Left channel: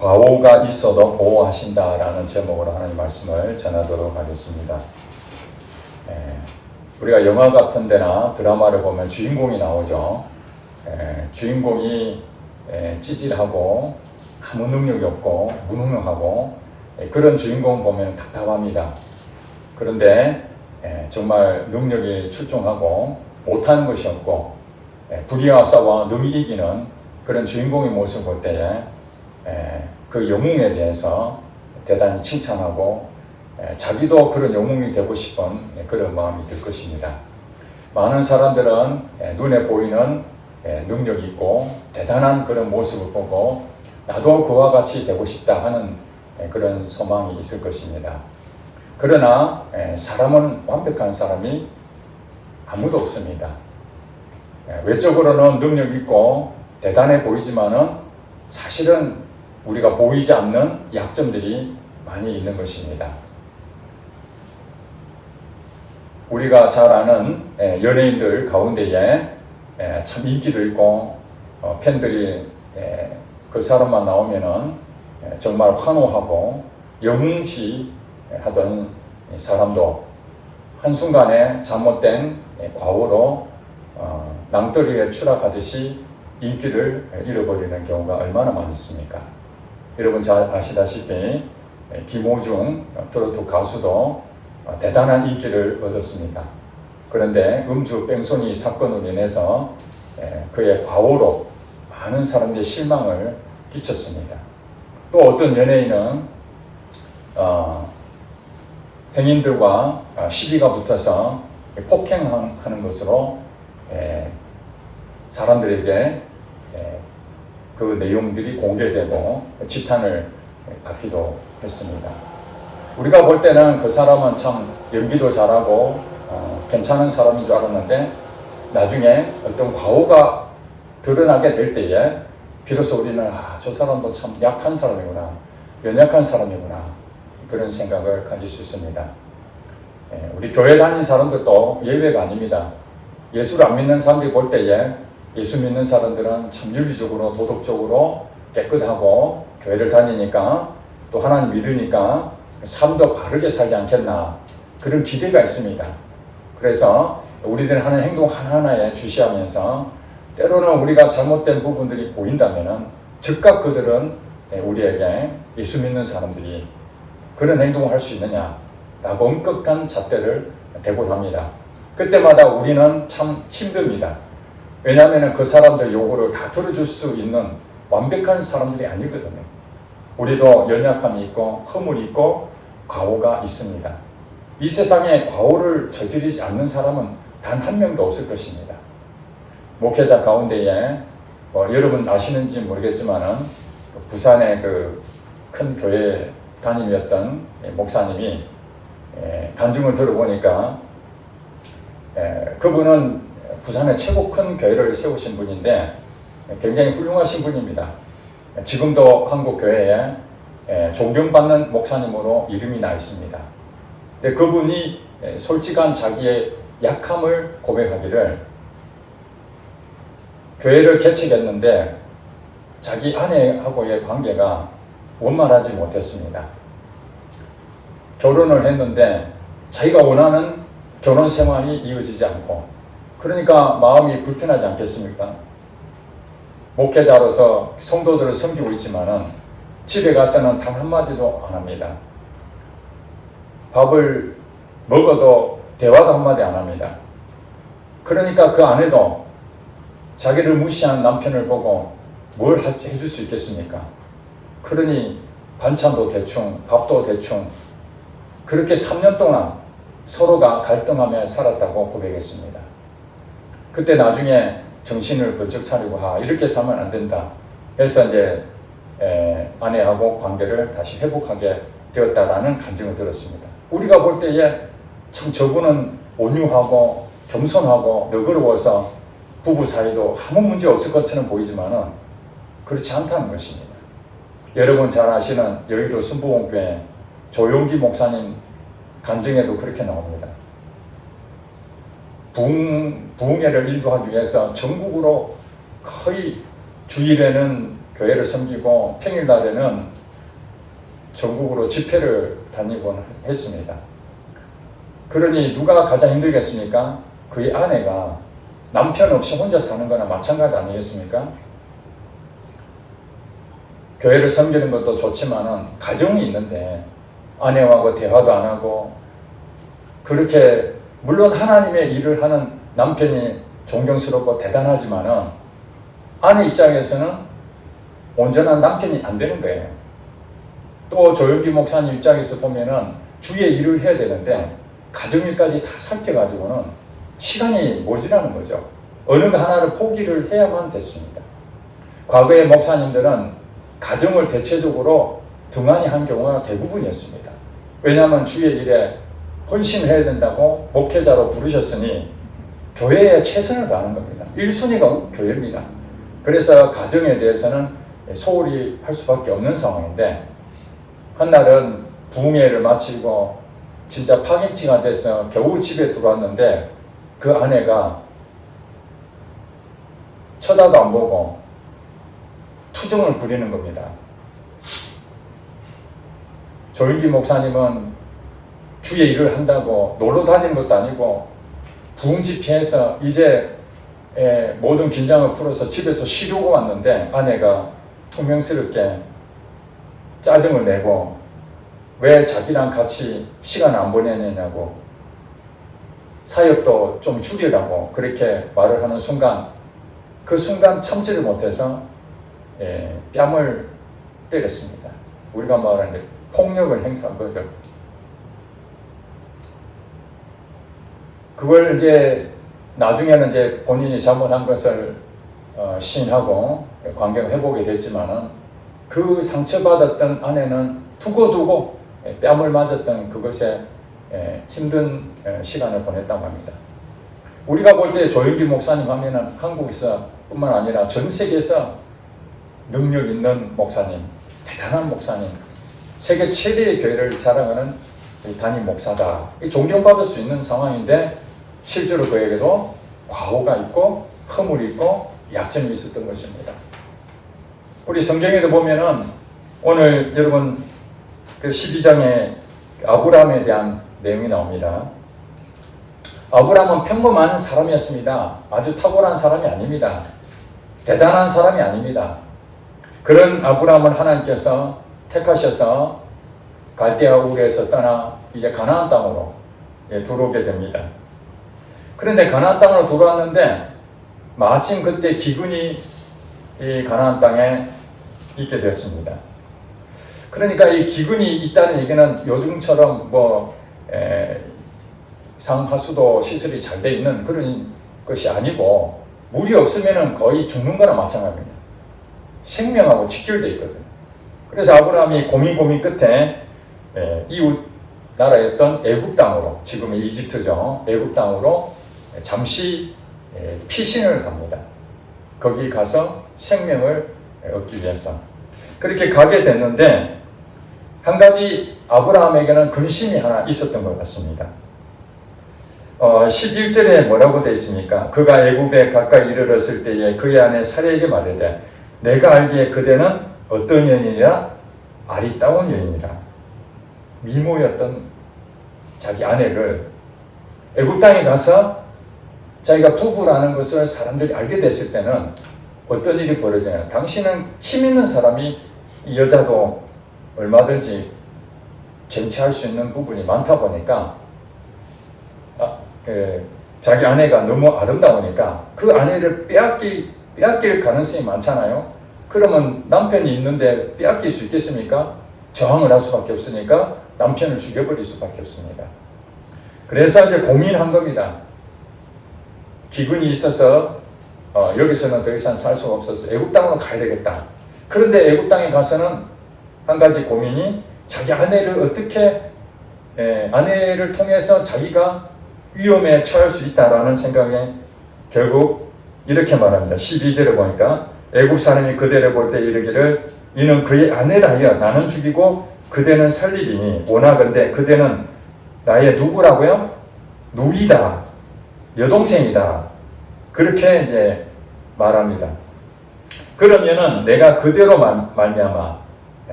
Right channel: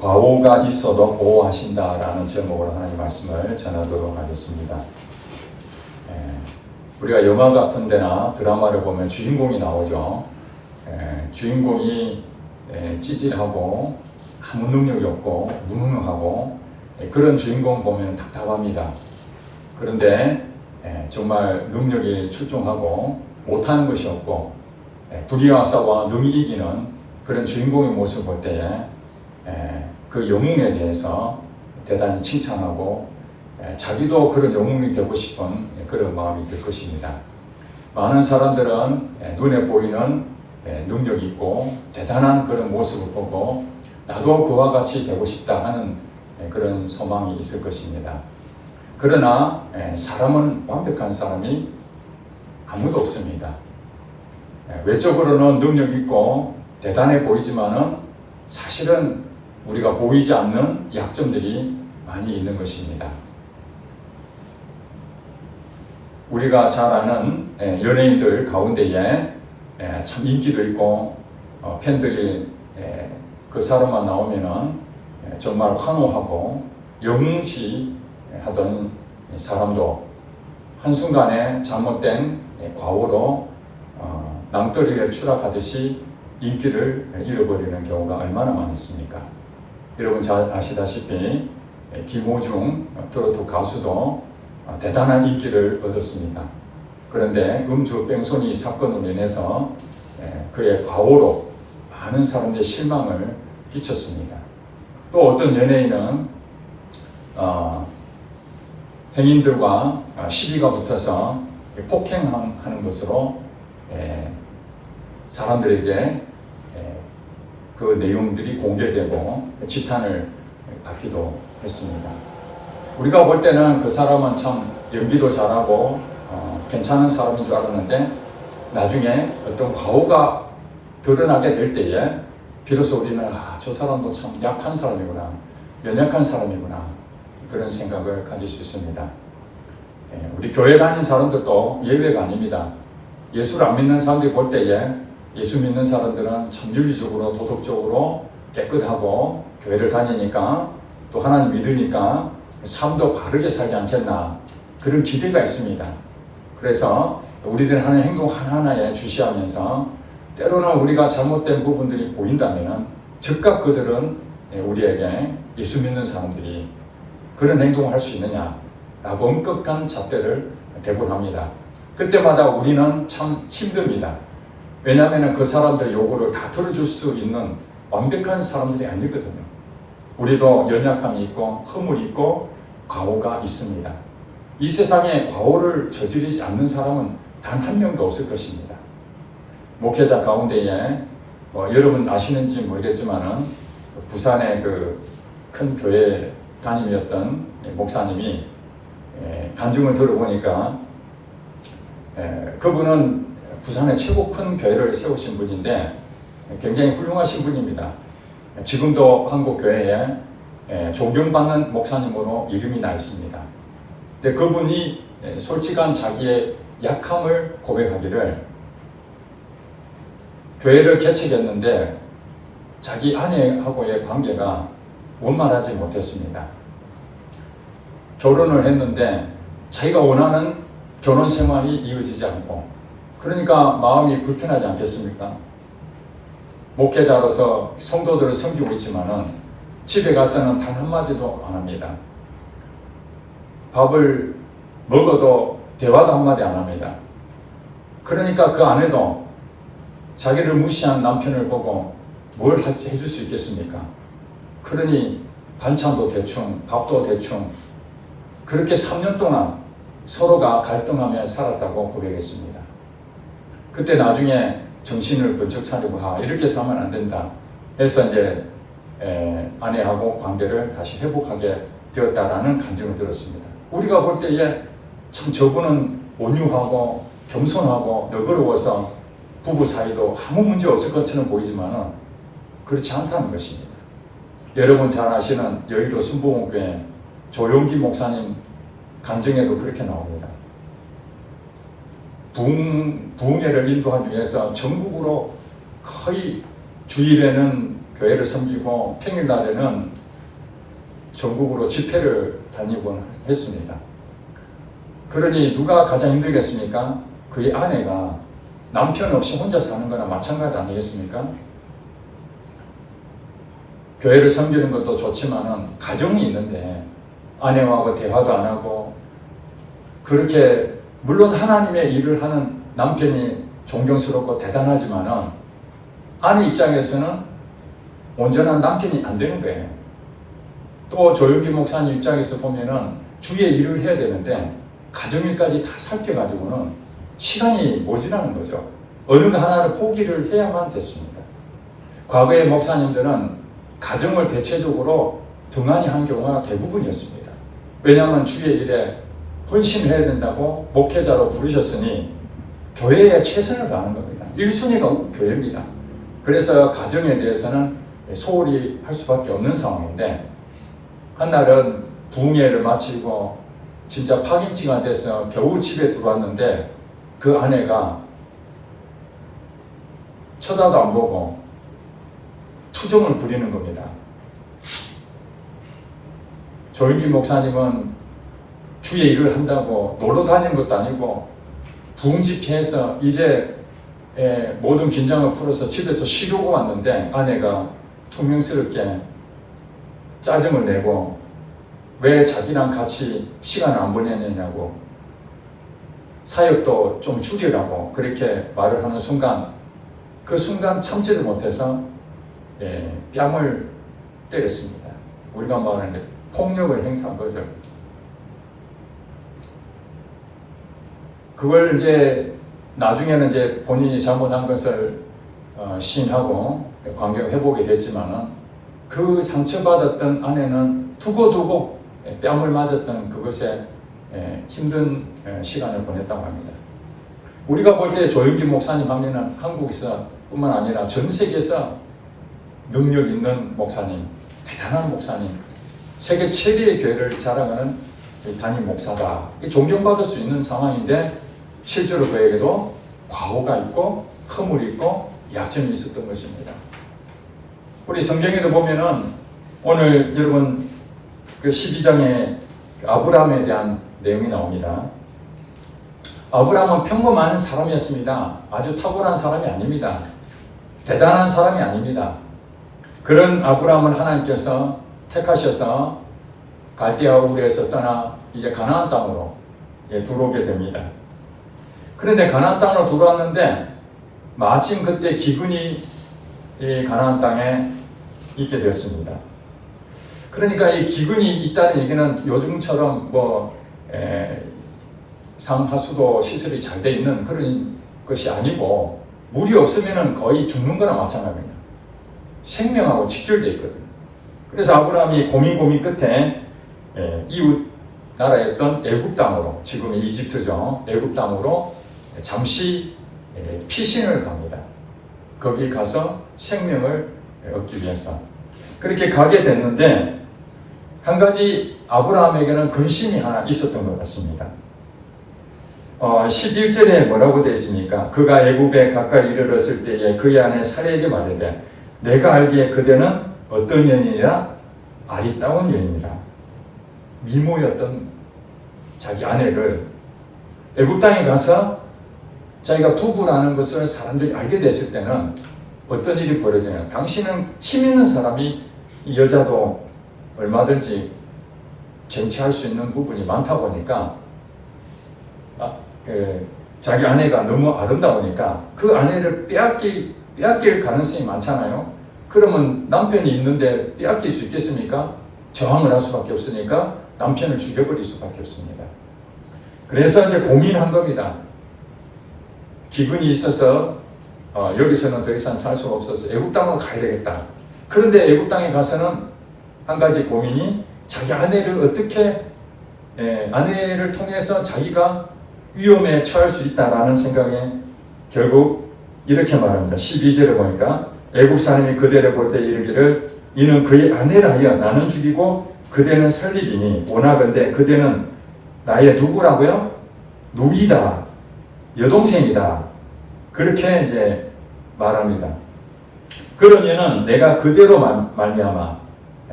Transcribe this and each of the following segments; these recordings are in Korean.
과오가 있어도 보호하신다라는 제목으로 하나님 말씀을 전하도록 하겠습니다. 우리가 영화 같은 데나 드라마를 보면 주인공이 나오죠. 주인공이 찌질하고 아무 능력이 없고 무능하고 그런 주인공 보면 답답합니다. 그런데 정말 능력이 출중하고 못하는 것이 없고 불의와 싸워 능히 이기는 그런 주인공의 모습을 볼 때에 그 영웅에 대해서 대단히 칭찬하고 자기도 그런 영웅이 되고 싶은 그런 마음이 들 것입니다. 많은 사람들은 눈에 보이는 능력이 있고 대단한 그런 모습을 보고 나도 그와 같이 되고 싶다 하는 그런 소망이 있을 것입니다. 그러나 사람은 완벽한 사람이 아무도 없습니다. 외적으로는 능력 있고 대단해 보이지만은 사실은 우리가 보이지 않는 약점들이 많이 있는 것입니다. 우리가 잘 아는 연예인들 가운데에 참 인기도 있고 팬들이 그 사람만 나오면은 정말 환호하고 영웅시하던 사람도 한순간에 잘못된 과오로 낭떠러리에 추락하듯이 인기를 잃어버리는 경우가 얼마나 많습니까? 여러분 잘 아시다시피 김호중 트로트 가수도 대단한 인기를 얻었습니다. 그런데 음주 뺑소니 사건으로 인해서 그의 과오로 많은 사람들의 실망을 끼쳤습니다. 또 어떤 연예인은 행인들과 시비가 붙어서 폭행하는 것으로 사람들에게 그 내용들이 공개되고 지탄을 받기도 했습니다. 우리가 볼 때는 그 사람은 참 연기도 잘하고 괜찮은 사람인 줄 알았는데 나중에 어떤 과오가 드러나게 될 때에 비로소 우리는 저 사람도 참 약한 사람이구나, 연약한 사람이구나 그런 생각을 가질 수 있습니다. 우리 교회 다니는 사람들도 예외가 아닙니다. 예수를 안 믿는 사람들이 볼 때에 예수 믿는 사람들은 참 윤리적으로 도덕적으로 깨끗하고 교회를 다니니까 또 하나님 믿으니까 삶도 바르게 살지 않겠나 그런 기대가 있습니다. 그래서 우리들은 하는 행동 하나하나에 주시하면서 때로는 우리가 잘못된 부분들이 보인다면 즉각 그들은 우리에게 예수 믿는 사람들이 그런 행동을 할 수 있느냐 라고 엄격한 잣대를 대곤 합니다. 그때마다 우리는 참 힘듭니다. 왜냐하면 그 사람들 요구를 다 들어줄 수 있는 완벽한 사람들이 아니거든요. 우리도 연약함이 있고 허물이 있고 과오가 있습니다. 이 세상에 과오를 저지르지 않는 사람은 단 한 명도 없을 것입니다. 목회자 가운데에 여러분 아시는지 모르겠지만은 부산의 그 큰 교회 담임이었던 목사님이 간증을 들어보니까 그분은 부산의 최고 큰 교회를 세우신 분인데 굉장히 훌륭하신 분입니다. 지금도 한국 교회에 존경받는 목사님으로 이름이 나 있습니다. 근데 그분이 솔직한 자기의 약함을 고백하기를 교회를 개척했는데 자기 아내하고의 관계가 원만하지 못했습니다. 결혼을 했는데 자기가 원하는 결혼 생활이 이어지지 않고 그러니까 마음이 불편하지 않겠습니까? 목회자로서 성도들을 섬기고 있지만은 집에 가서는 단 한마디도 안 합니다. 밥을 먹어도 대화도 한마디 안 합니다. 그러니까 그 아내도 자기를 무시한 남편을 보고 뭘 해줄 수 있겠습니까? 그러니 반찬도 대충, 밥도 대충 그렇게 3년 동안 서로가 갈등하며 살았다고 고백했습니다. 그때 나중에 정신을 번쩍 차리고 이렇게 살면 안 된다 해서 이제 아내하고 관계를 다시 회복하게 되었다라는 간증을 들었습니다. 우리가 볼 때에 참 저분은 온유하고 겸손하고 너그러워서 부부 사이도 아무 문제 없을 것처럼 보이지만은 그렇지 않다는 것입니다. 여러분 잘 아시는 여의도 순복음교회 조용기 목사님 간증에도 그렇게 나옵니다. 부흥회를 인도하기 위해서 전국으로 거의 주일에는 교회를 섬기고 평일날에는 전국으로 집회를 다니곤 했습니다. 그러니 누가 가장 힘들겠습니까? 그의 아내가 남편 없이 혼자 사는 거나 마찬가지 아니겠습니까? 교회를 섬기는 것도 좋지만은 가정이 있는데 아내하고 대화도 안 하고 그렇게 물론 하나님의 일을 하는 남편이 존경스럽고 대단하지만은 아내 입장에서는 온전한 남편이 안 되는 거예요. 또 조영기 목사님 입장에서 보면은 주의 일을 해야 되는데 가정일까지 다 살펴가지고는 시간이 모자라는 거죠. 어느 거 하나를 포기를 해야만 됐습니다. 과거의 목사님들은 가정을 대체적으로 등한히 한 경우가 대부분이었습니다. 왜냐하면 주의 일에 헌신해야 된다고 목회자로 부르셨으니 교회에 최선을 다하는 겁니다. 1순위가 교회입니다. 그래서 가정에 대해서는 소홀히 할 수밖에 없는 상황인데 한날은 부흥회를 마치고 진짜 파김치가 돼서 겨우 집에 들어왔는데 그 아내가 쳐다도 안 보고 투정을 부리는 겁니다. 조일기 목사님은 주의 일을 한다고 놀러 다니는 것도 아니고 부흥 집회에서 이제 모든 긴장을 풀어서 집에서 쉬려고 왔는데 아내가 투명스럽게 짜증을 내고 왜 자기랑 같이 시간을 안 보내느냐고 사역도 좀 줄이라고 그렇게 말을 하는 순간 그 순간 참지를 못해서 뺨을 때렸습니다. 우리가 말하는 폭력을 행사한 거죠. 그걸 이제 나중에는 이제 본인이 잘못한 것을 시인하고 관계를 회복이 됐지만은 그 상처받았던 아내는 두고두고 뺨을 맞았던 그것에 힘든 시간을 보냈다고 합니다. 우리가 볼 때 조영기 목사님 하면은 한국에서 뿐만 아니라 전 세계에서 능력 있는 목사님, 대단한 목사님, 세계 최대의 교회를 자랑하는 담임 목사다. 존경받을 수 있는 상황인데 실제로 그에게도 과오가 있고 허물이 있고 약점이 있었던 것입니다. 우리 성경에도 보면은 오늘 여러분 그 12장에 아브라함에 대한 내용이 나옵니다. 아브라함은 평범한 사람이었습니다. 아주 탁월한 사람이 아닙니다. 대단한 사람이 아닙니다. 그런 아브라함을 하나님께서 택하셔서 갈대아 우르에서 떠나 이제 가나안 땅으로 들어오게 됩니다. 그런데 가나안 땅으로 들어왔는데 마침 그때 기근이 이 가나안 땅에 있게 됐습니다. 그러니까 이 기근이 있다는 얘기는 요즘처럼 상하수도 시설이 잘 돼 있는 그런 것이 아니고 물이 없으면 거의 죽는 거나 마찬가지입니다. 생명하고 직결되어 있거든요. 그래서 아브라함이 고민 끝에 이웃 나라였던 애굽 땅으로, 지금의 이집트죠. 애굽 땅으로 잠시 피신을 갑니다. 거기 가서 생명을 얻기 위해서. 그렇게 가게 됐는데 한 가지 아브라함에게는 근심이 하나 있었던 것 같습니다. 11절에 뭐라고 되어 있습니까? 그가 애굽에 가까이 이르렀을 때에 그의 아내 사레에게 말하되 내가 알기에 그대는 어떤 여인이라? 아리따운 여인이라. 미모였던 자기 아내를 애굽 땅에 가서 자기가 부부라는 것을 사람들이 알게 됐을 때는 어떤 일이 벌어지냐. 당신은 힘 있는 사람이 이 여자도 얼마든지 쟁취할 수 있는 부분이 많다 보니까 자기 아내가 너무 아름다우니까 그 아내를 빼앗길 가능성이 많잖아요. 그러면 남편이 있는데 빼앗길 수 있겠습니까? 저항을 할 수밖에 없으니까 남편을 죽여버릴 수밖에 없습니다. 그래서 이제 고민한 겁니다. 기근이 있어서 여기서는 더 이상 살 수가 없어서 애굽 땅으로 가야 되겠다. 그런데 애굽 땅에 가서는 한 가지 고민이 자기 아내를 어떻게 아내를 통해서 자기가 위험에 처할 수 있다라는 생각에 결국 이렇게 말합니다. 12절에 보니까 애굽 사람이 그대를 볼 때 이르기를 이는 그의 아내라 하여 나는 죽이고 그대는 살리리니 원하건대 그대는 나의 누구라고요? 누이다. 여동생이다. 그렇게 이제 말합니다. 그러면은 내가 그대로 말미암아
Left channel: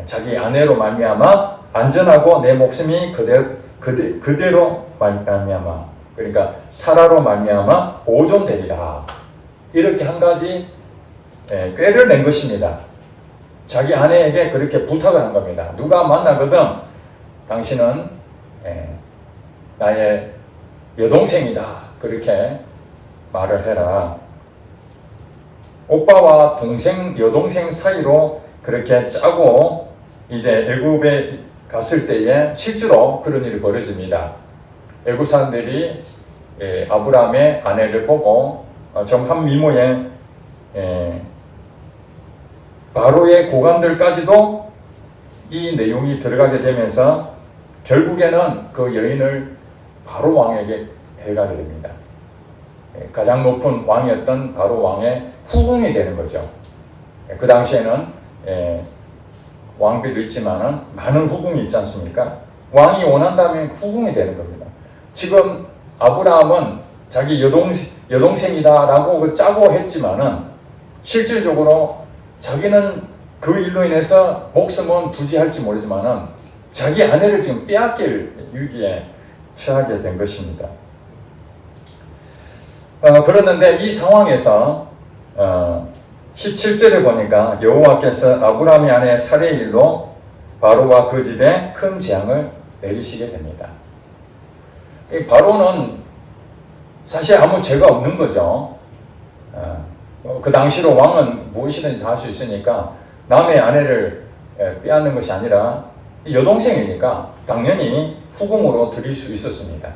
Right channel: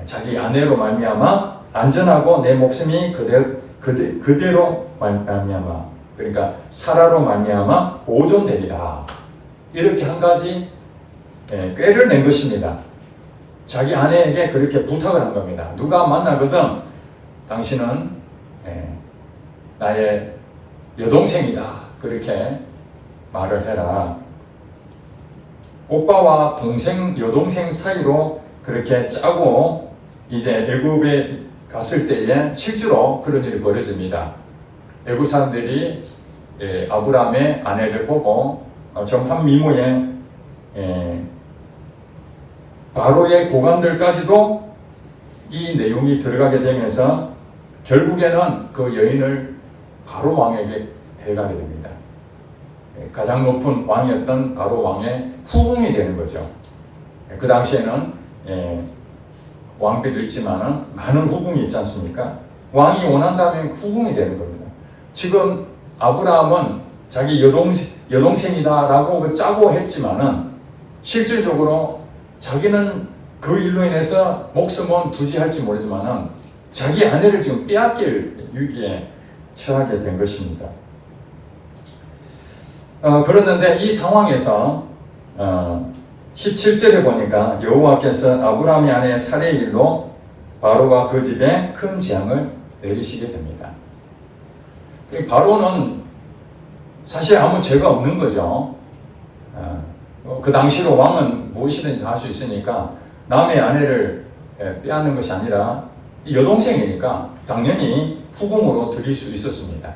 자기 아내로 말미암아 안전하고 내 목숨이 그대로 말미암아 그러니까 사라로 말미암아 보존되리라. 이렇게 한 가지 꾀를 낸 것입니다. 자기 아내에게 그렇게 부탁을 한 겁니다. 누가 만나거든 당신은 나의 여동생이다. 그렇게 말을 해라. 오빠와 동생, 여동생 사이로 그렇게 짜고 이제 애굽에 갔을 때에 실제로 그런 일이 벌어집니다. 애굽 사람들이 아브라함의 아내를 보고 좀 한 미모의 바로의 고관들까지도 이 내용이 들어가게 되면서 결국에는 그 여인을 바로 왕에게 데려가게 됩니다. 가장 높은 왕이었던 바로 왕의 후궁이 되는 거죠. 그 당시에는 왕비도 있지만은 많은 후궁이 있지 않습니까? 왕이 원한다면 후궁이 되는 겁니다. 지금 아브라함은 자기 여동생이다라고 짜고 했지만은 실질적으로 자기는 그 일로 인해서 목숨은 부지할지 모르지만은 자기 아내를 지금 빼앗길 위기에 처하게 된 것입니다. 그랬는데 이 상황에서 17절에 보니까 여호와께서 아브라함의 아내 사레의 일로 바로와 그 집에 큰 재앙을 내리시게 됩니다. 이 바로는 사실 아무 죄가 없는 거죠. 그 당시로 왕은 무엇이든지 할 수 있으니까 남의 아내를 빼앗는 것이 아니라 여동생이니까 당연히 후궁으로 드릴 수 있었습니다.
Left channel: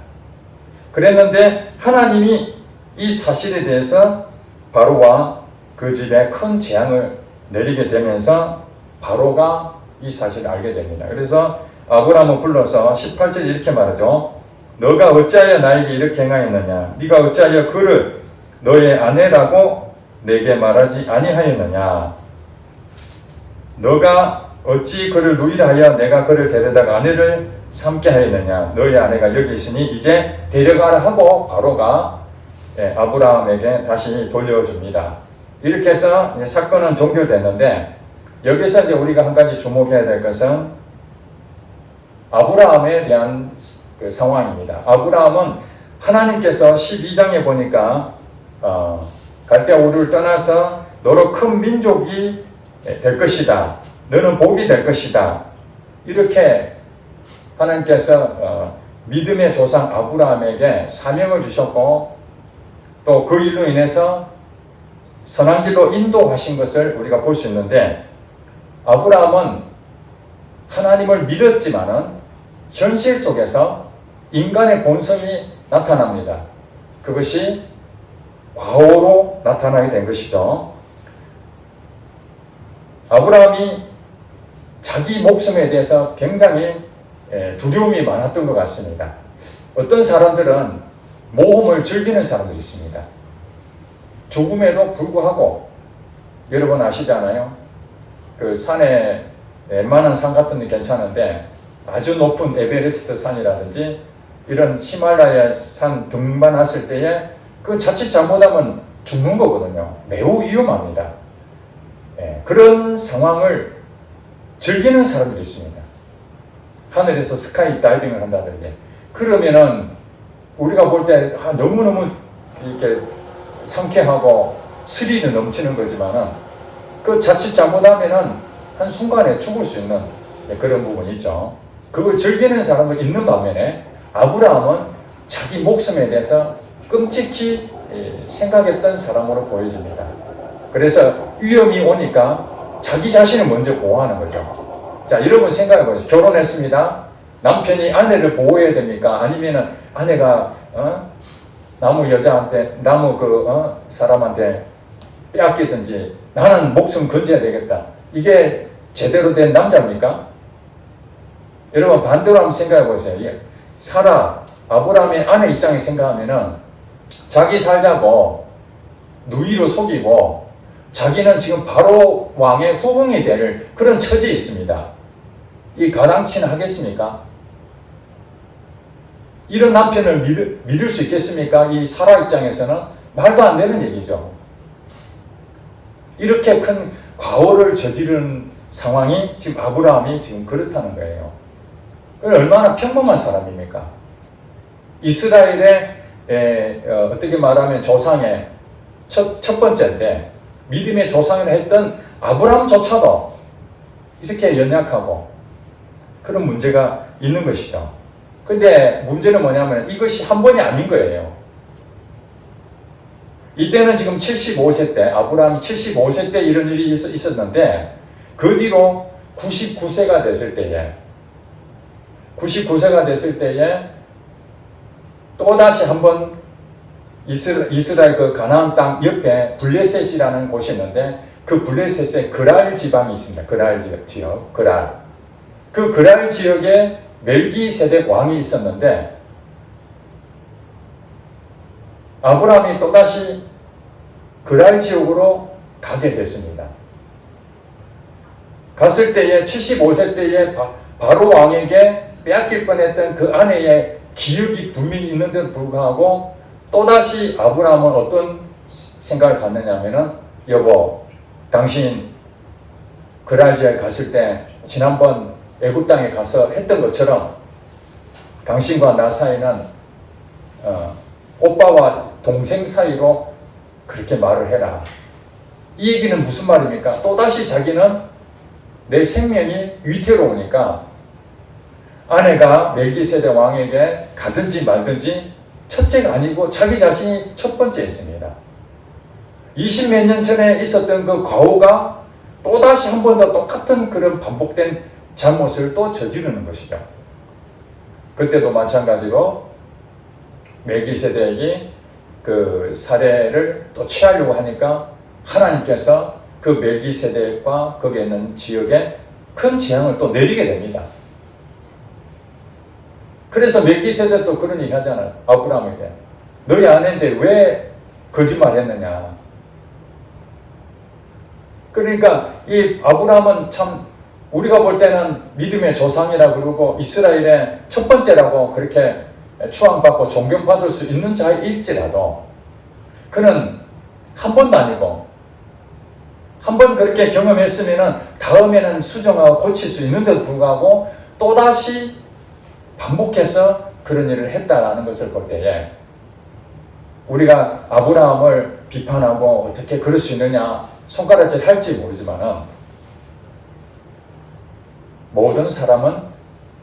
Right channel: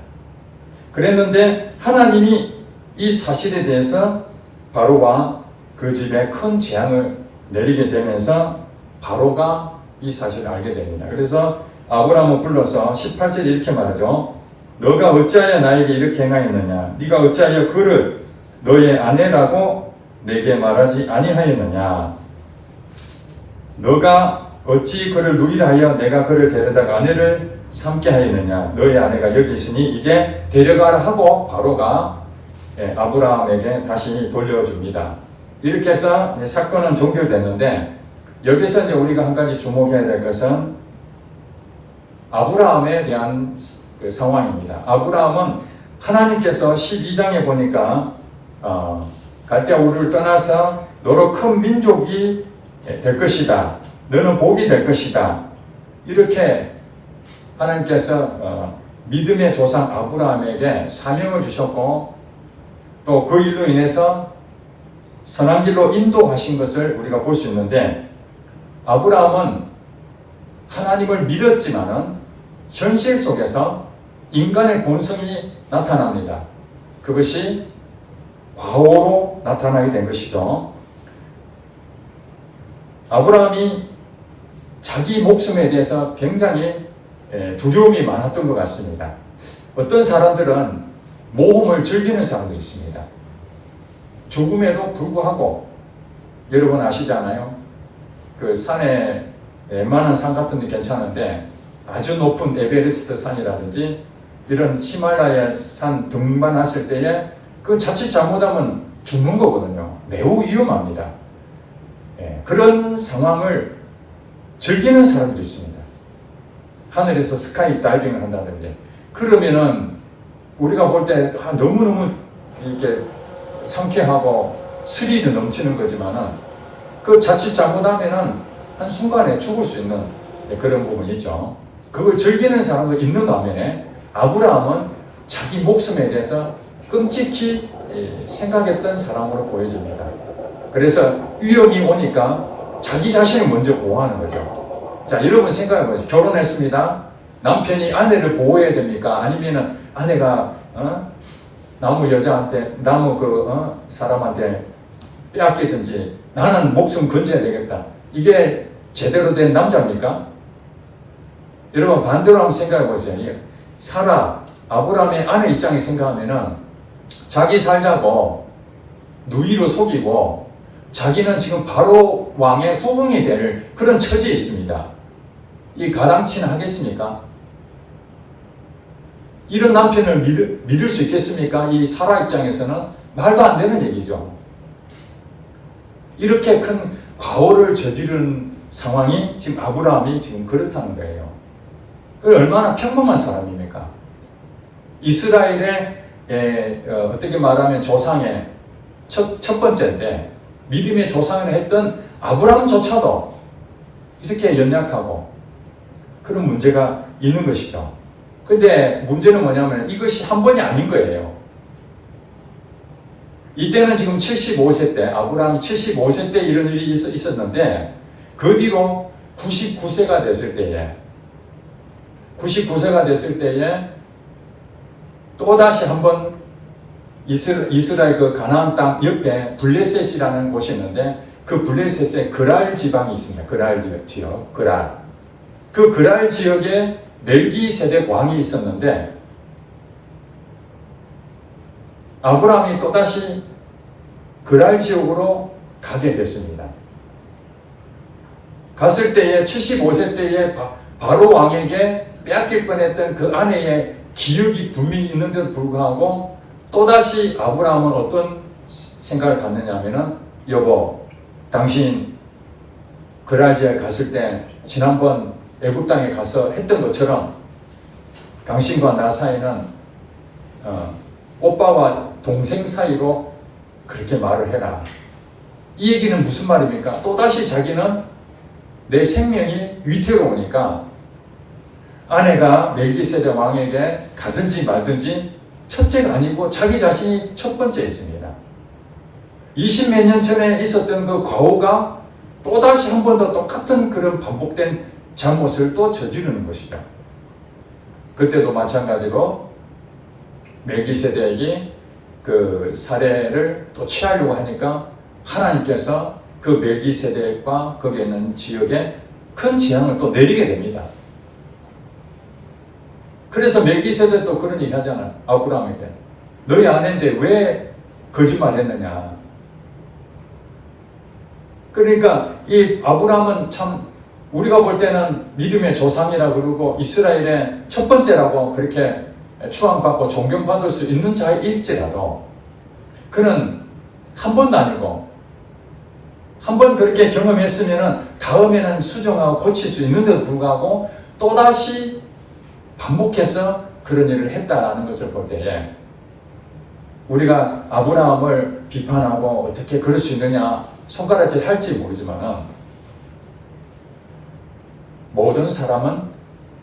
그랬는데 하나님이 이 사실에 대해서 바로와 그 집에 큰 재앙을 내리게 되면서 바로가 이 사실을 알게 됩니다. 그래서 아브라함을 불러서 18절에 이렇게 말하죠. 너가 어찌하여 나에게 이렇게 행하였느냐? 네가 어찌하여 그를 너의 아내라고 내게 말하지 아니하였느냐? 너가 어찌 그를 누이하여 내가 그를 데려다가 아내를 삼게 하였느냐? 너의 아내가 여기 있으니 이제 데려가라 하고 바로가 아브라함에게 다시 돌려줍니다. 이렇게 해서 사건은 종결됐는데 여기서 이제 우리가 한 가지 주목해야 될 것은 아브라함에 대한 그 상황입니다. 아브라함은 하나님께서 12장에 보니까 갈대아 우르를 떠나서 너로 큰 민족이 될 것이다. 너는 복이 될 것이다. 이렇게 하나님께서 믿음의 조상 아브라함에게 사명을 주셨고 또 그 일로 인해서 선한 길로 인도하신 것을 우리가 볼 수 있는데 아브라함은 하나님을 믿었지만은 현실 속에서 인간의 본성이 나타납니다. 그것이 과오로 나타나게 된 것이죠. 아브라함이 자기 목숨에 대해서 굉장히 두려움이 많았던 것 같습니다. 어떤 사람들은 모험을 즐기는 사람들이 있습니다. 죽음에도 불구하고 여러분 아시잖아요. 그 산에 웬만한 산 같은 데 괜찮은데 아주 높은 에베레스트 산이라든지 이런 히말라야 산 등반했을 때에 그 자칫 잘못하면 죽는 거거든요. 매우 위험합니다. 그런 상황을 즐기는 사람들이 있습니다. 하늘에서 스카이 다이빙을 한다는데 그러면은 우리가 볼 때 너무너무 이렇게 상쾌하고 스릴이 넘치는 거지만은 그 자칫 잘못하면은 한순간에 죽을 수 있는 그런 부분이 있죠. 그걸 즐기는 사람도 있는 반면에 아브라함은 자기 목숨에 대해서 끔찍히 생각했던 사람으로 보여집니다. 그래서 위험이 오니까 자기 자신을 먼저 보호하는 거죠. 자, 여러분 생각해 보세요. 결혼했습니다. 남편이 아내를 보호해야 됩니까? 아니면은 아내가 나무 여자한테 나무 사람한테 빼앗기든지 나는 목숨 건져야 되겠다. 이게 제대로 된 남자입니까? 여러분 반대로 한번 생각해 보세요. 사라 아브라함의 아내 입장에 생각하면은 자기 살자고 누이로 속이고 자기는 지금 바로 왕의 후궁이 될 그런 처지에 있습니다. 이 가당치는 하겠습니까? 이런 남편을 믿을 수 있겠습니까? 이 사라 입장에서는 말도 안 되는 얘기죠. 이렇게 큰 과오를 저지른 상황이 지금 아브라함이 지금 그렇다는 거예요. 얼마나 평범한 사람입니까? 이스라엘의 어떻게 말하면 조상의 첫 번째인데 믿음의 조상을 했던 아브라함조차도 이렇게 연약하고 그런 문제가 있는 것이죠. 그런데 문제는 뭐냐면 이것이 한 번이 아닌 거예요. 이때는 지금 75세 때, 아브라함이 75세 때 이런 일이 있었는데 그 뒤로 99세가 됐을 때에 또다시 한번 이스라엘 그 가나안 땅 옆에 블레셋이라는 곳이 있는데 그 블레셋에 그랄 지방이 있습니다. 그랄 지역. 그 그랄 지역에 멜기세덱 왕이 있었는데 아브라함이 또다시 그랄 지역으로 가게 됐습니다. 갔을 때에 75세 때에 바로 왕에게 빼앗길 뻔했던 그 아내의 기억이 분명히 있는데도 불구하고 또다시 아브라함은 어떤 생각을 갖느냐 하면은 여보, 당신 그랄 지역에 갔을 때 지난번 애굽 땅에 가서 했던 것처럼 당신과 나 사이는 오빠와 동생 사이로 그렇게 말을 해라. 이 얘기는 무슨 말입니까? 또다시 자기는 내 생명이 위태로우니까 아내가 멜기세덱 왕에게 가든지 말든지 첫째가 아니고 자기 자신이 첫 번째였습니다. 20몇 년 전에 있었던 그 과오가 또다시 한 번 더 똑같은 그런 반복된 잘못을 또 저지르는 것이죠. 그때도 마찬가지로 멜기세덱이 그 사례를 또 취하려고 하니까 하나님께서 그 멜기세덱과 거기에 있는 지역에 큰 재앙을 또 내리게 됩니다. 그래서 멜기세덱도 그런 얘기 하잖아요. 아브라함에게. 너희 아내인데 왜 거짓말 했느냐. 그러니까 이 아브라함은 참 우리가 볼 때는 믿음의 조상이라 그러고 이스라엘의 첫 번째라고 그렇게 추앙받고 존경받을 수 있는 자일지라도 그는 한 번도 아니고 한 번 그렇게 경험했으면 다음에는 수정하고 고칠 수 있는데도 불구하고 또다시 반복해서 그런 일을 했다라는 것을 볼 때에 우리가 아브라함을 비판하고 어떻게 그럴 수 있느냐 손가락질 할지 모르지만은 모든 사람은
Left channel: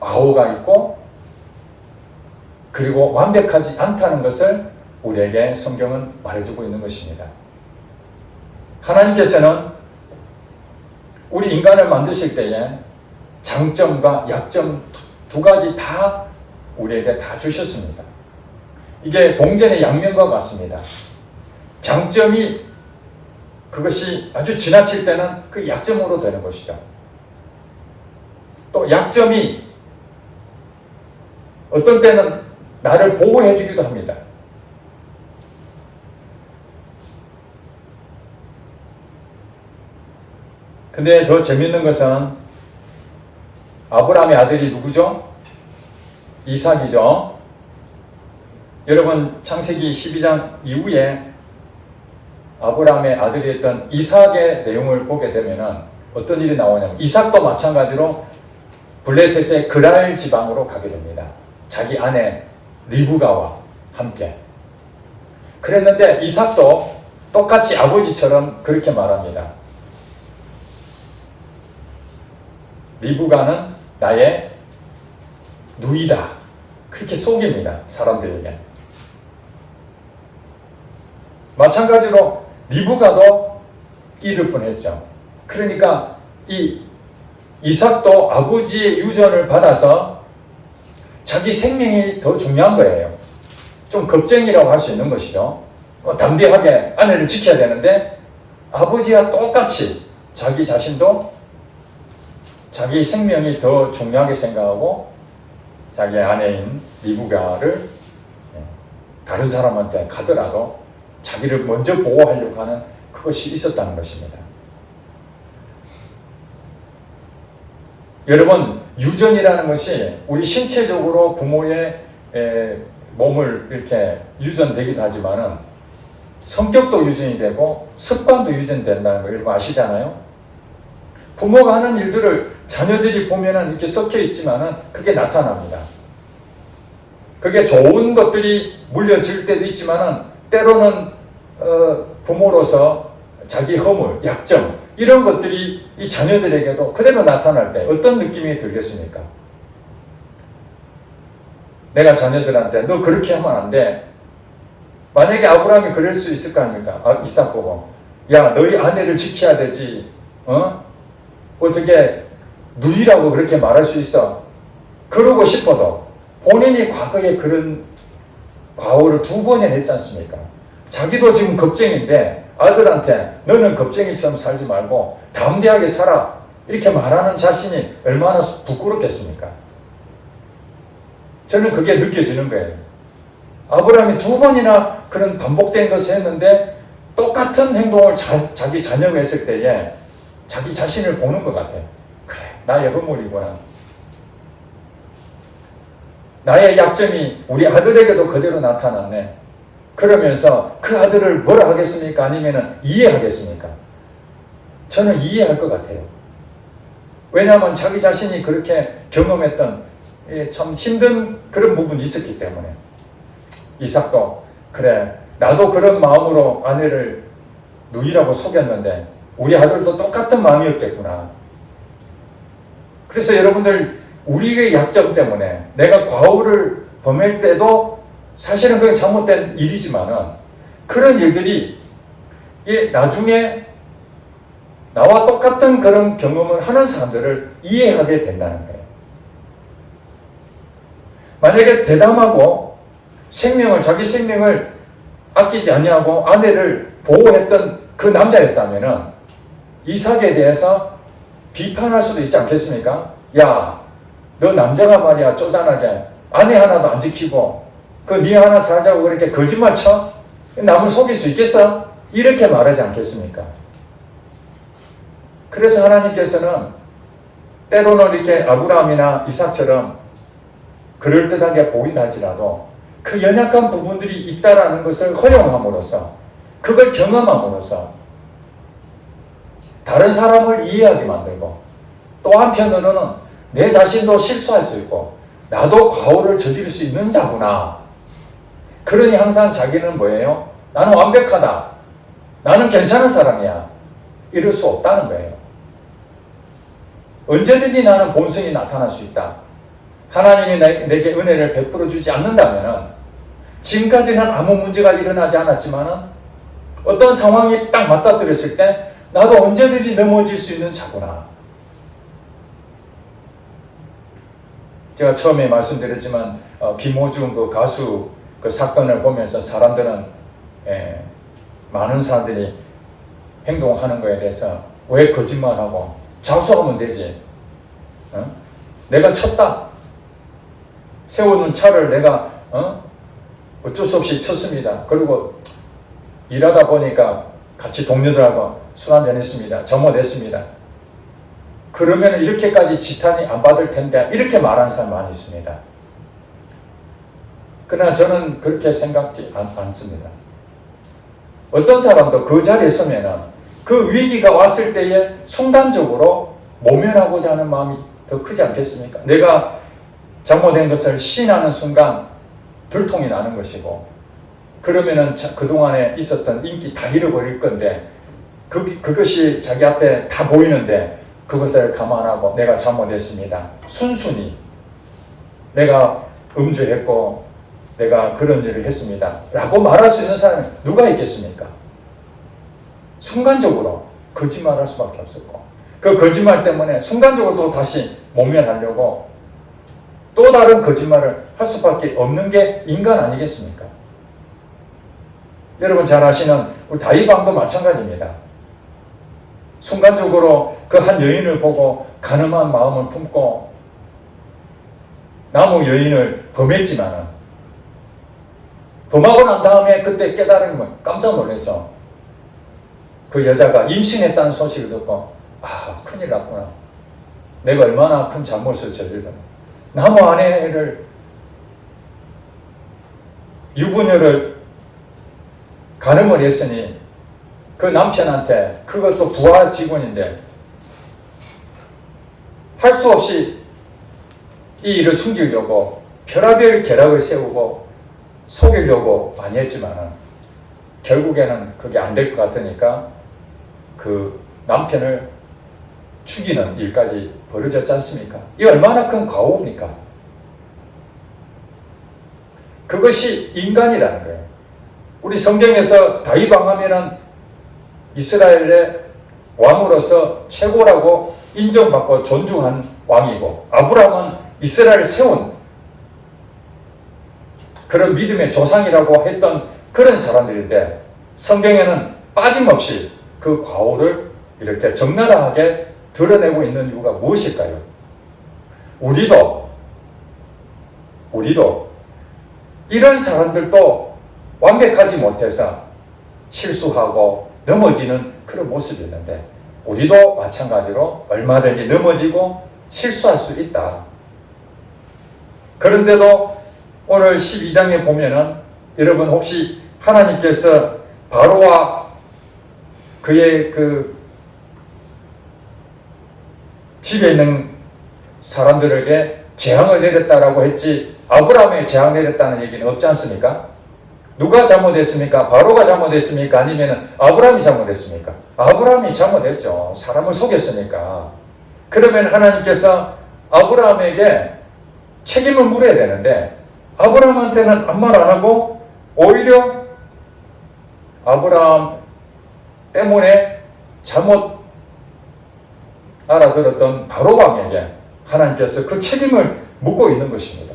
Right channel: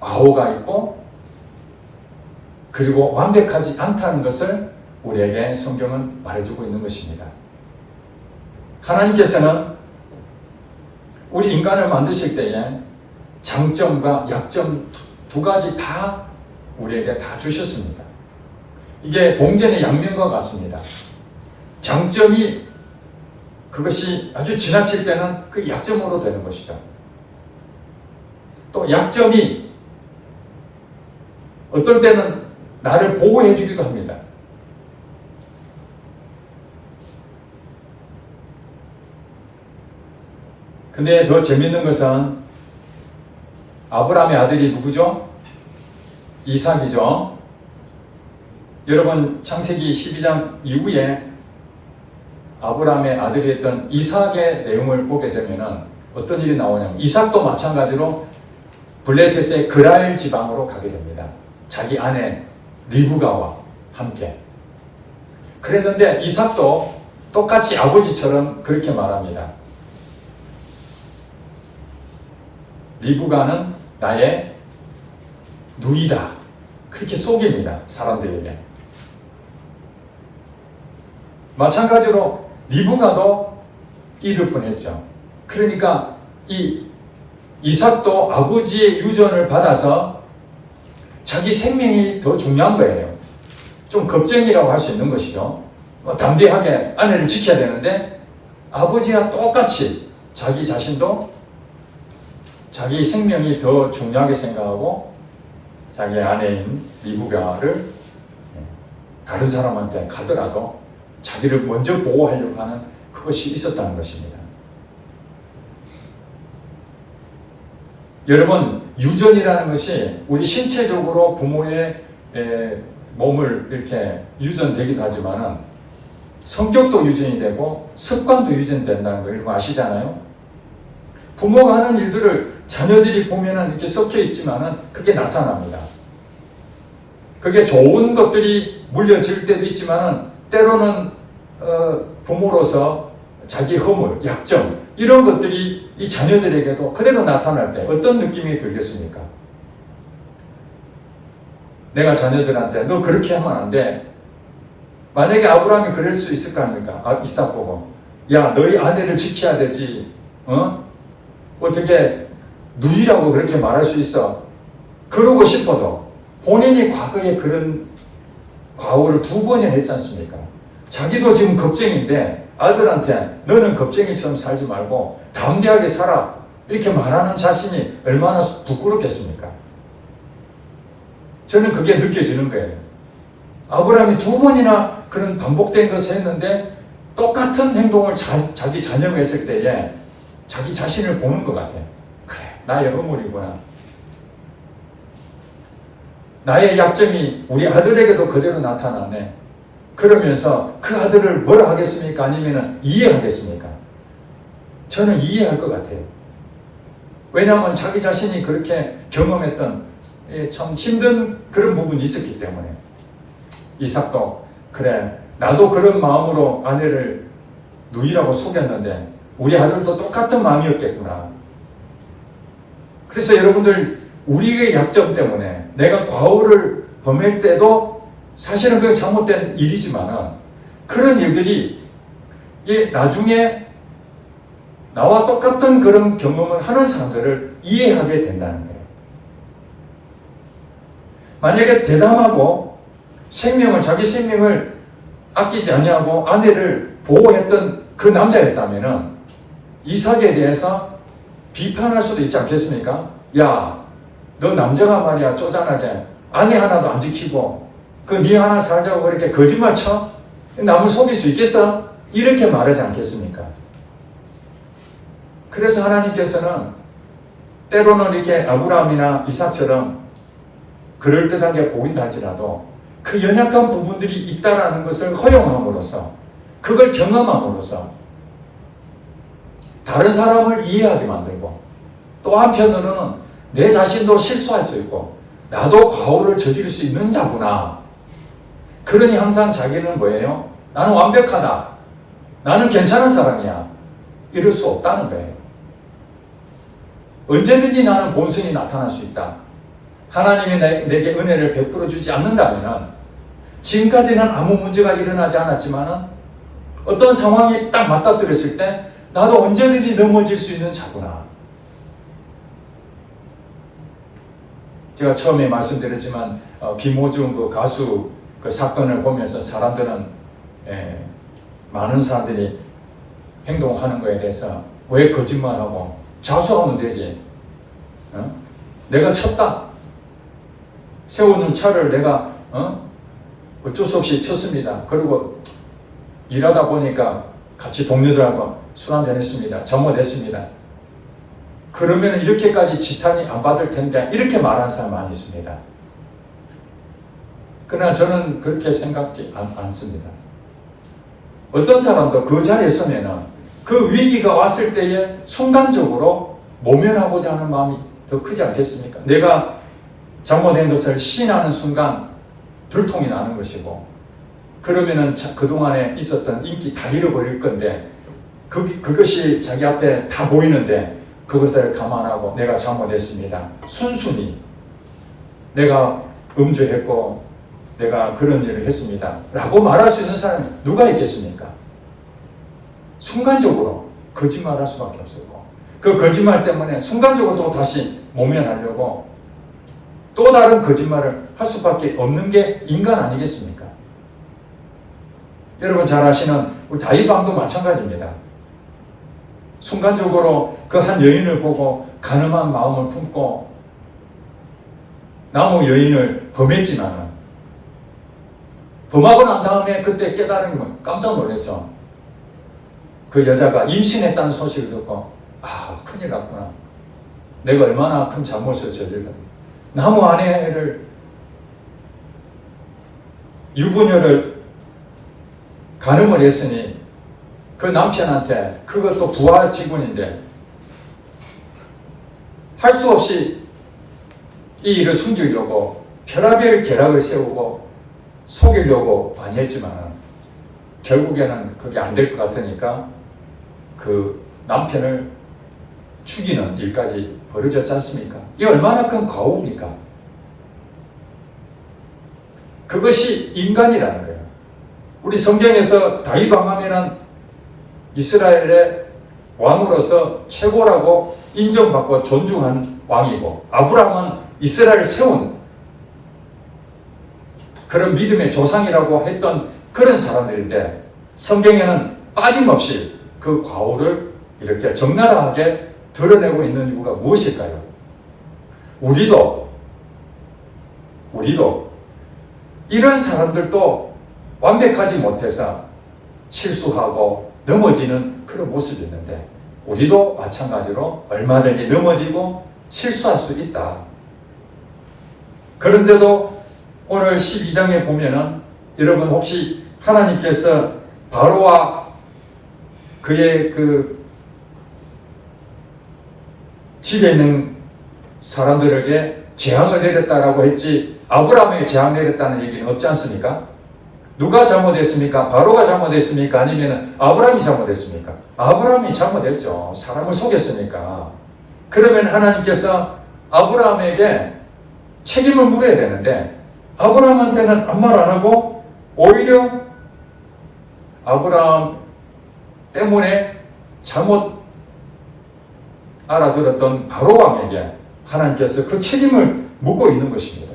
과오가 있고 그리고 완벽하지 않다는 것을 우리에게 성경은 말해주고 있는 것입니다. 하나님께서는 우리 인간을 만드실 때에 장점과 약점 두 가지 다 우리에게 다 주셨습니다. 이게 동전의 양면과 같습니다. 장점이 그것이 아주 지나칠 때는 그 약점으로 되는 것이죠. 또 약점이 어떤 때는 나를 보호해 주기도 합니다. 근데 더 재밌는 것은 아브라함의 아들이 누구죠? 이삭이죠. 여러분 창세기 12장 이후에 아브라함의 아들이었던 이삭의 내용을 보게 되면 어떤 일이 나오냐면 이삭도 마찬가지로 블레셋의 그랄 지방으로 가게 됩니다. 자기 아내 리브가와 함께. 그랬는데 이삭도 똑같이 아버지처럼 그렇게 말합니다. 리브가는 나의 누이다. 그렇게 속입니다. 사람들에게. 마찬가지로 리브가도 잃을 뻔했죠. 그러니까 이 이삭도 아버지의 유전을 받아서 자기 생명이 더 중요한 거예요. 좀 겁쟁이라고 할 수 있는 것이죠. 담대하게 아내를 지켜야 되는데 아버지와 똑같이 자기 자신도 자기 생명이 더 중요하게 생각하고 자기 아내인 리브가를 다른 사람한테 가더라도 자기를 먼저 보호하려고 하는 그것이 있었다는 것입니다. 여러분, 유전이라는 것이 우리 신체적으로 부모의 몸을 이렇게 유전되기도 하지만은 성격도 유전이 되고 습관도 유전된다는 거 여러분 아시잖아요? 부모가 하는 일들을 자녀들이 보면은 이렇게 섞여 있지만은 그게 나타납니다. 그게 좋은 것들이 물려질 때도 있지만은 때로는 부모로서 자기 허물, 약점 이런 것들이 이 자녀들에게도 그대로 나타날 때 어떤 느낌이 들겠습니까? 내가 자녀들한테 너 그렇게 하면 안 돼. 만약에 아브라함이 그럴 수 있을 거 아닙니까? 이삭 보고 야 너희 아내를 지켜야 되지. 어떻게 누이라고 그렇게 말할 수 있어? 그러고 싶어도 본인이 과거에 그런 과오를 2번이나 했지 않습니까? 자기도 지금 겁쟁인데 아들한테 너는 겁쟁이처럼 살지 말고 담대하게 살아 이렇게 말하는 자신이 얼마나 부끄럽겠습니까? 저는 그게 느껴지는 거예요. 아브라함이 2번이나 그런 반복된 것을 했는데 똑같은 행동을 자기 자녀가 했을 때에 자기 자신을 보는 것 같아요. 그래, 나의 허물이구나. 나의 약점이 우리 아들에게도 그대로 나타났네. 그러면서 그 아들을 뭐라 하겠습니까? 아니면 이해하겠습니까? 저는 이해할 것 같아요. 왜냐하면 자기 자신이 그렇게 경험했던 참 힘든 그런 부분이 있었기 때문에. 이삭도 그래 나도 그런 마음으로 아내를 누이라고 속였는데 우리 아들도 똑같은 마음이었겠구나. 그래서 여러분들 우리의 약점 때문에 내가 과오를 범할 때도 사실은 그게 잘못된 일이지만은 그런 일들이 나중에 나와 똑같은 그런 경험을 하는 사람들을 이해하게 된다는 거예요. 만약에 대담하고 자기 생명을 아끼지 아니하고 아내를 보호했던 그 남자였다면은 이삭에 대해서 비판할 수도 있지 않겠습니까? 야, 너 남자가 말이야 쪼잔하게 아내 하나도 안 지키고 네 하나 살자고 그렇게 거짓말 쳐? 남을 속일 수 있겠어? 이렇게 말하지 않겠습니까? 그래서 하나님께서는 때로는 이렇게 아브라함이나 이삭처럼 그럴듯하게 보인다 할지라도 그 연약한 부분들이 있다라는 것을 허용함으로써 그걸 경험함으로써 다른 사람을 이해하게 만들고 또 한편으로는 내 자신도 실수할 수 있고 나도 과오를 저지를 수 있는 자구나. 그러니 항상 자기는 뭐예요? 나는 완벽하다. 나는 괜찮은 사람이야. 이럴 수 없다는 거예요. 언제든지 나는 본성이 나타날 수 있다. 하나님이 내게 은혜를 베풀어 주지 않는다면 지금까지는 아무 문제가 일어나지 않았지만 어떤 상황이 딱 맞닥뜨렸을 때 나도 언제든지 넘어질 수 있는 자구나. 제가 처음에 말씀드렸지만 김호중 그 가수 그 사건을 보면서 사람들은 많은 사람들이 행동하는 거에 대해서 왜 거짓말하고 자수하면 되지. 내가 쳤다. 세우는 차를 내가 어쩔 수 없이 쳤습니다. 그리고 일하다 보니까 같이 동료들하고 술 한잔 했습니다. 잘못했습니다. 그러면 이렇게까지 지탄이 안 받을 텐데 이렇게 말하는 사람 많이 있습니다. 그러나 저는 그렇게 생각지 않습니다. 어떤 사람도 그 자리에 서면은 그 위기가 왔을 때에 순간적으로 모면하고자 하는 마음이 더 크지 않겠습니까? 내가 잘못된 것을 시인하는 순간 들통이 나는 것이고 그러면은 그동안에 있었던 인기 다 잃어버릴 건데 그것이 자기 앞에 다 보이는데 그것을 감안하고 내가 잘못했습니다. 순순히 내가 음주했고 내가 그런 일을 했습니다. 라고 말할 수 있는 사람이 누가 있겠습니까? 순간적으로 거짓말할 수밖에 없었고 그 거짓말 때문에 순간적으로 또 다시 모면하려고 또 다른 거짓말을 할 수밖에 없는 게 인간 아니겠습니까? 여러분 잘 아시는 우리 다윗 왕도 마찬가지입니다. 순간적으로 그 한 여인을 보고 가늠한 마음을 품고 나무 여인을 범했지만은 범하고 난 다음에 그때 깨달은 건 깜짝 놀랐죠. 그 여자가 임신했다는 소식을 듣고 큰일 났구나. 내가 얼마나 큰 잘못을 저질렀나. 나무 아내를 유부녀를 가늠을 했으니 그 남편한테 그것도 부하 직원인데 할 수 없이 이 일을 숨기려고 별의별 계략을 세우고 속이려고 많이 했지만 결국에는 그게 안 될 것 같으니까 그 남편을 죽이는 일까지 벌어졌지 않습니까? 이 얼마나 큰 과오입니까? 그것이 인간이라는 거예요. 우리 성경에서 다윗 왕하면은 이스라엘의 왕으로서 최고라고 인정받고 존중한 왕이고, 아브라함은 이스라엘을 세운 그런 믿음의 조상이라고 했던 그런 사람들인데, 성경에는 빠짐없이 그 과오를 이렇게 적나라하게 드러내고 있는 이유가 무엇일까요? 우리도 이런 사람들도 완벽하지 못해서 실수하고 넘어지는 그런 모습이 있는데, 우리도 마찬가지로 얼마든지 넘어지고 실수할 수 있다. 그런데도 오늘 12장에 보면은 여러분 혹시 하나님께서 바로와 그의 그 집에 있는 사람들에게 재앙을 내렸다라고 했지 아브라함에게 재앙 내렸다는 얘기는 없지 않습니까? 누가 잘못했습니까? 바로가 잘못했습니까? 아니면 아브라함이 잘못했습니까? 아브라함이 잘못했죠. 사람을 속였으니까. 그러면 하나님께서 아브라함에게 책임을 물어야 되는데 아브라함한테는 아무 말 안 하고 오히려 아브라함 때문에 잘못 알아들었던 바로 왕에게 하나님께서 그 책임을 묻고 있는 것입니다.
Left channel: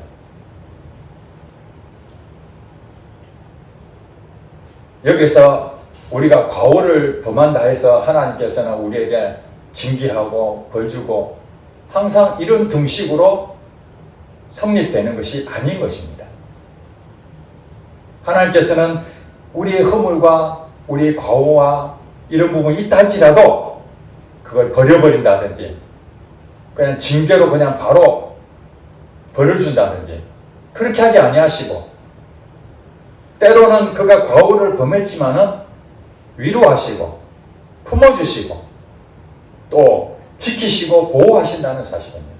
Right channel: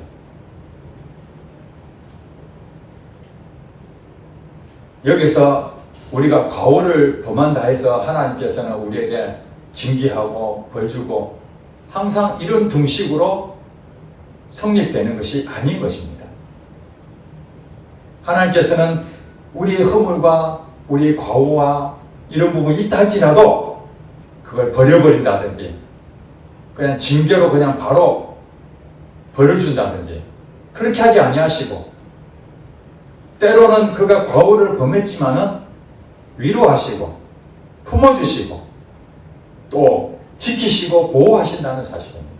여기서 우리가 과오를 범한다 해서 하나님께서는 우리에게 징계하고 벌주고 항상 이런 등식으로 성립되는 것이 아닌 것입니다. 하나님께서는 우리의 허물과 우리의 과오와 이런 부분이 있다 할지라도 그걸 버려버린다든지 그냥 징계로 그냥 바로 벌을 준다든지 그렇게 하지 아니하시고, 때로는 그가 과오를 범했지만은 위로하시고 품어주시고 또 지키시고 보호하신다는 사실입니다.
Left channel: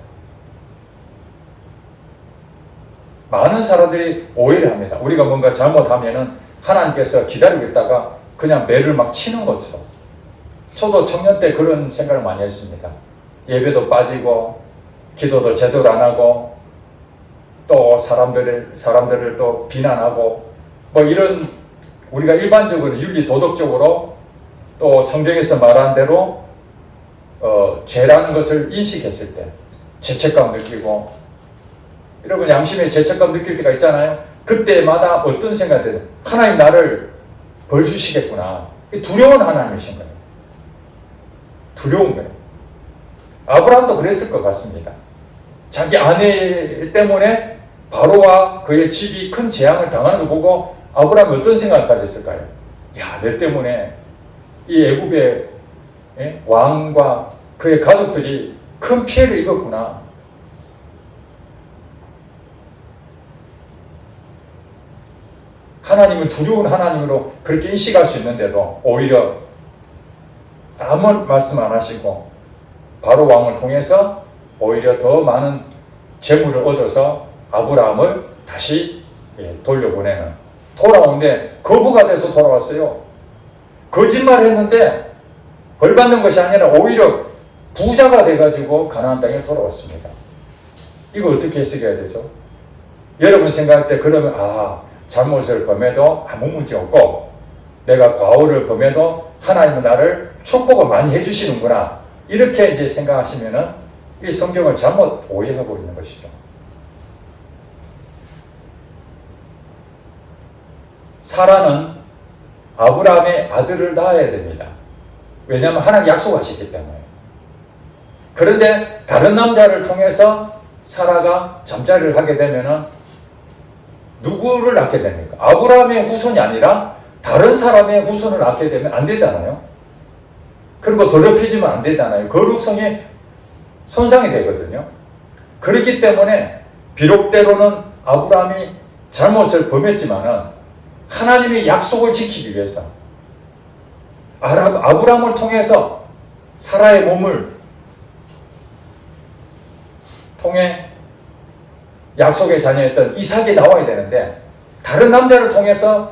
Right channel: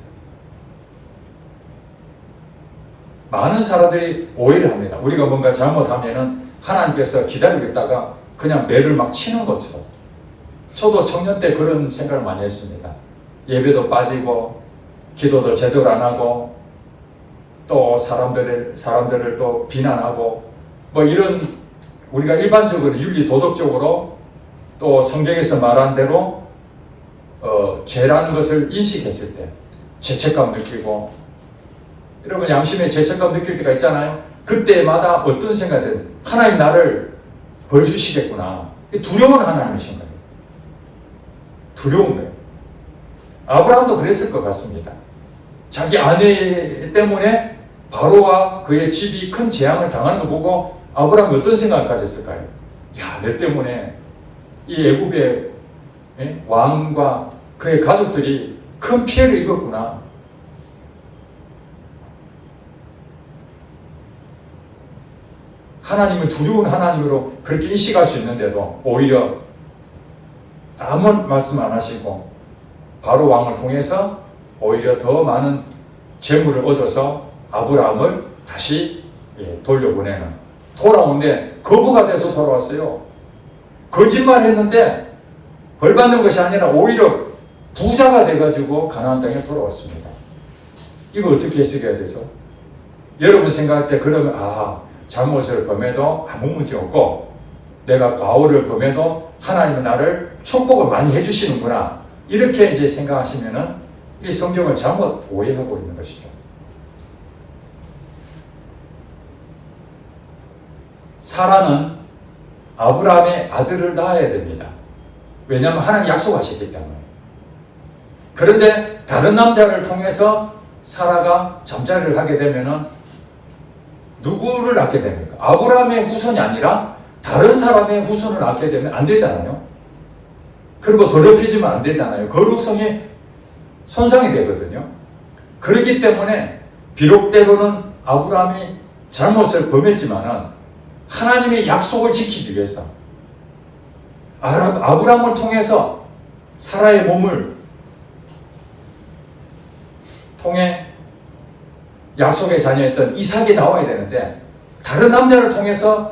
많은 사람들이 오해를 합니다. 우리가 뭔가 잘못하면은 하나님께서 기다리고 있다가 그냥 매를 막 치는 것처럼. 저도 청년 때 그런 생각을 많이 했습니다. 예배도 빠지고 기도도 제대로 안 하고 또 사람들을 또 비난하고 뭐 이런, 우리가 일반적으로 윤리 도덕적으로 또 성경에서 말한 대로 죄라는 것을 인식했을 때 죄책감 느끼고, 여러분 양심의 죄책감 느낄 때가 있잖아요. 그때마다 어떤 생각이 들어요? 하나님 나를 벌 주시겠구나. 두려운 하나님이신 거예요. 두려운 거예요. 아브라함도 그랬을 것 같습니다. 자기 아내 때문에 바로와 그의 집이 큰 재앙을 당하는 걸 보고 아브라함이 어떤 생각을 가졌을까요? 야, 내 때문에 이 애굽의 왕과 그의 가족들이 큰 피해를 입었구나. 하나님은 두려운 하나님으로 그렇게 인식할 수 있는데도 오히려 아무 말씀 안 하시고 바로 왕을 통해서 오히려 더 많은 재물을 얻어서 아브라함을 다시 돌려보내는, 돌아오는데 거부가 돼서 돌아왔어요. 거짓말을 했는데 벌 받는 것이 아니라 오히려 부자가 돼가지고 가나안 땅에 돌아왔습니다. 이거 어떻게 해석해야 되죠? 여러분 생각할 때 그러면 잘못을 범해도 아무 문제 없고 내가 과오를 범해도 하나님은 나를 축복을 많이 해주시는구나, 이렇게 이제 생각하시면은 이 성경을 잘못 오해하고 있는 것이죠. 사라는 아브라함의 아들을 낳아야 됩니다. 왜냐하면 하나님 약속하셨기 때문에. 그런데 다른 남자를 통해서 사라가 잠자리를 하게 되면은 누구를 낳게 됩니까? 아브라함의 후손이 아니라 다른 사람의 후손을 낳게 되면 안 되잖아요. 그리고 더럽혀지면 안 되잖아요. 거룩성에 손상이 되거든요. 그렇기 때문에 비록 때로는 아브라함이 잘못을 범했지만은 하나님의 약속을 지키기 위해서 아브라함을 통해서 사라의 몸을 통해 약속의 자녀였던 이삭이 나와야 되는데 다른 남자를 통해서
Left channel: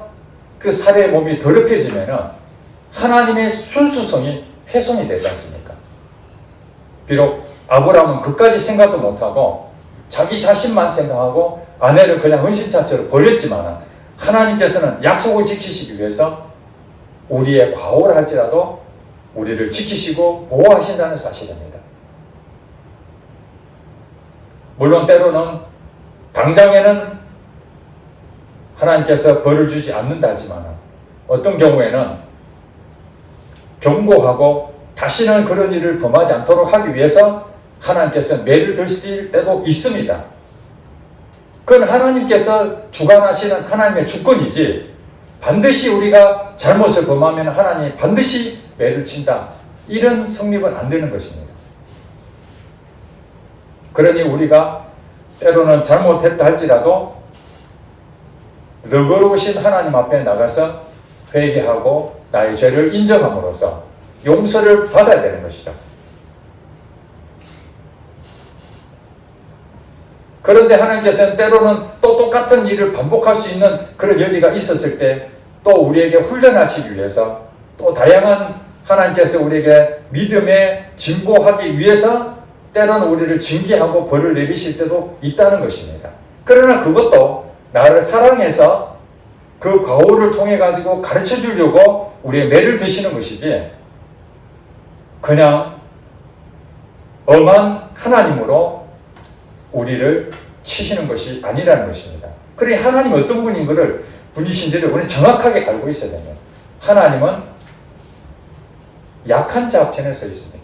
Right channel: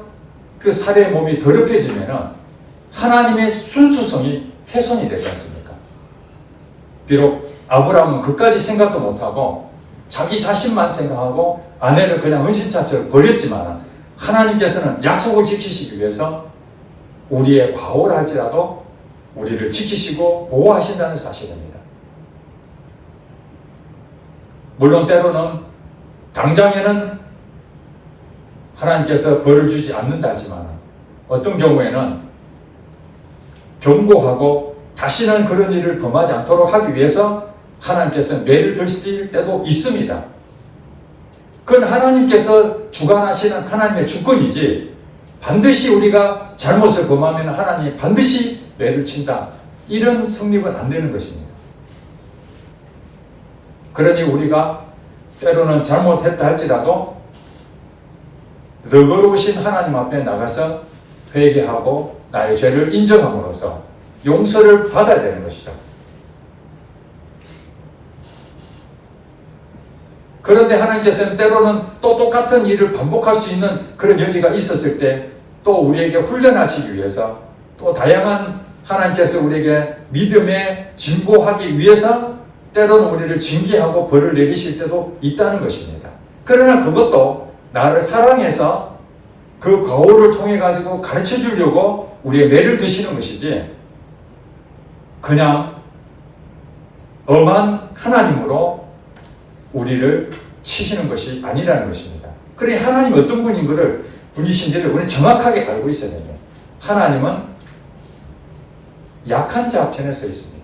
그 사례의 몸이 더럽혀지면은 하나님의 순수성이 훼손이 되지 않습니까? 비록 아브라함은 그까지 생각도 못하고 자기 자신만 생각하고 아내는 그냥 은신처처럼 버렸지만 하나님께서는 약속을 지키시기 위해서 우리의 과오를 할지라도 우리를 지키시고 보호하신다는 사실입니다. 물론 때로는 당장에는 하나님께서 벌을 주지 않는다지만 어떤 경우에는 경고하고 다시는 그런 일을 범하지 않도록 하기 위해서 하나님께서 매를 드실 때도 있습니다. 그건 하나님께서 주관하시는 하나님의 주권이지 반드시 우리가 잘못을 범하면 하나님이 반드시 매를 친다. 이런 성립은 안 되는 것입니다. 그러니 우리가 때로는 잘못했다 할지라도 너그러우신 하나님 앞에 나가서 회개하고 나의 죄를 인정함으로써 용서를 받아야 되는 것이죠. 그런데 하나님께서는 때로는 또 똑같은 일을 반복할 수 있는 그런 여지가 있었을 때 또 우리에게 훈련하시기 위해서 또 다양한 하나님께서 우리에게 믿음에 진보하기 위해서 때로는 우리를 징계하고 벌을 내리실 때도 있다는 것입니다. 그러나 그것도 나를 사랑해서 그 거울을 통해 가지고 가르쳐 주려고 우리의 매를 드시는 것이지 그냥 엄한 하나님으로 우리를 치시는 것이 아니라는 것입니다. 그러니 하나님 어떤 분인 것을 분이신지를 우리는 정확하게 알고 있어야 됩니다. 하나님은 약한 자 편에 서 있습니다.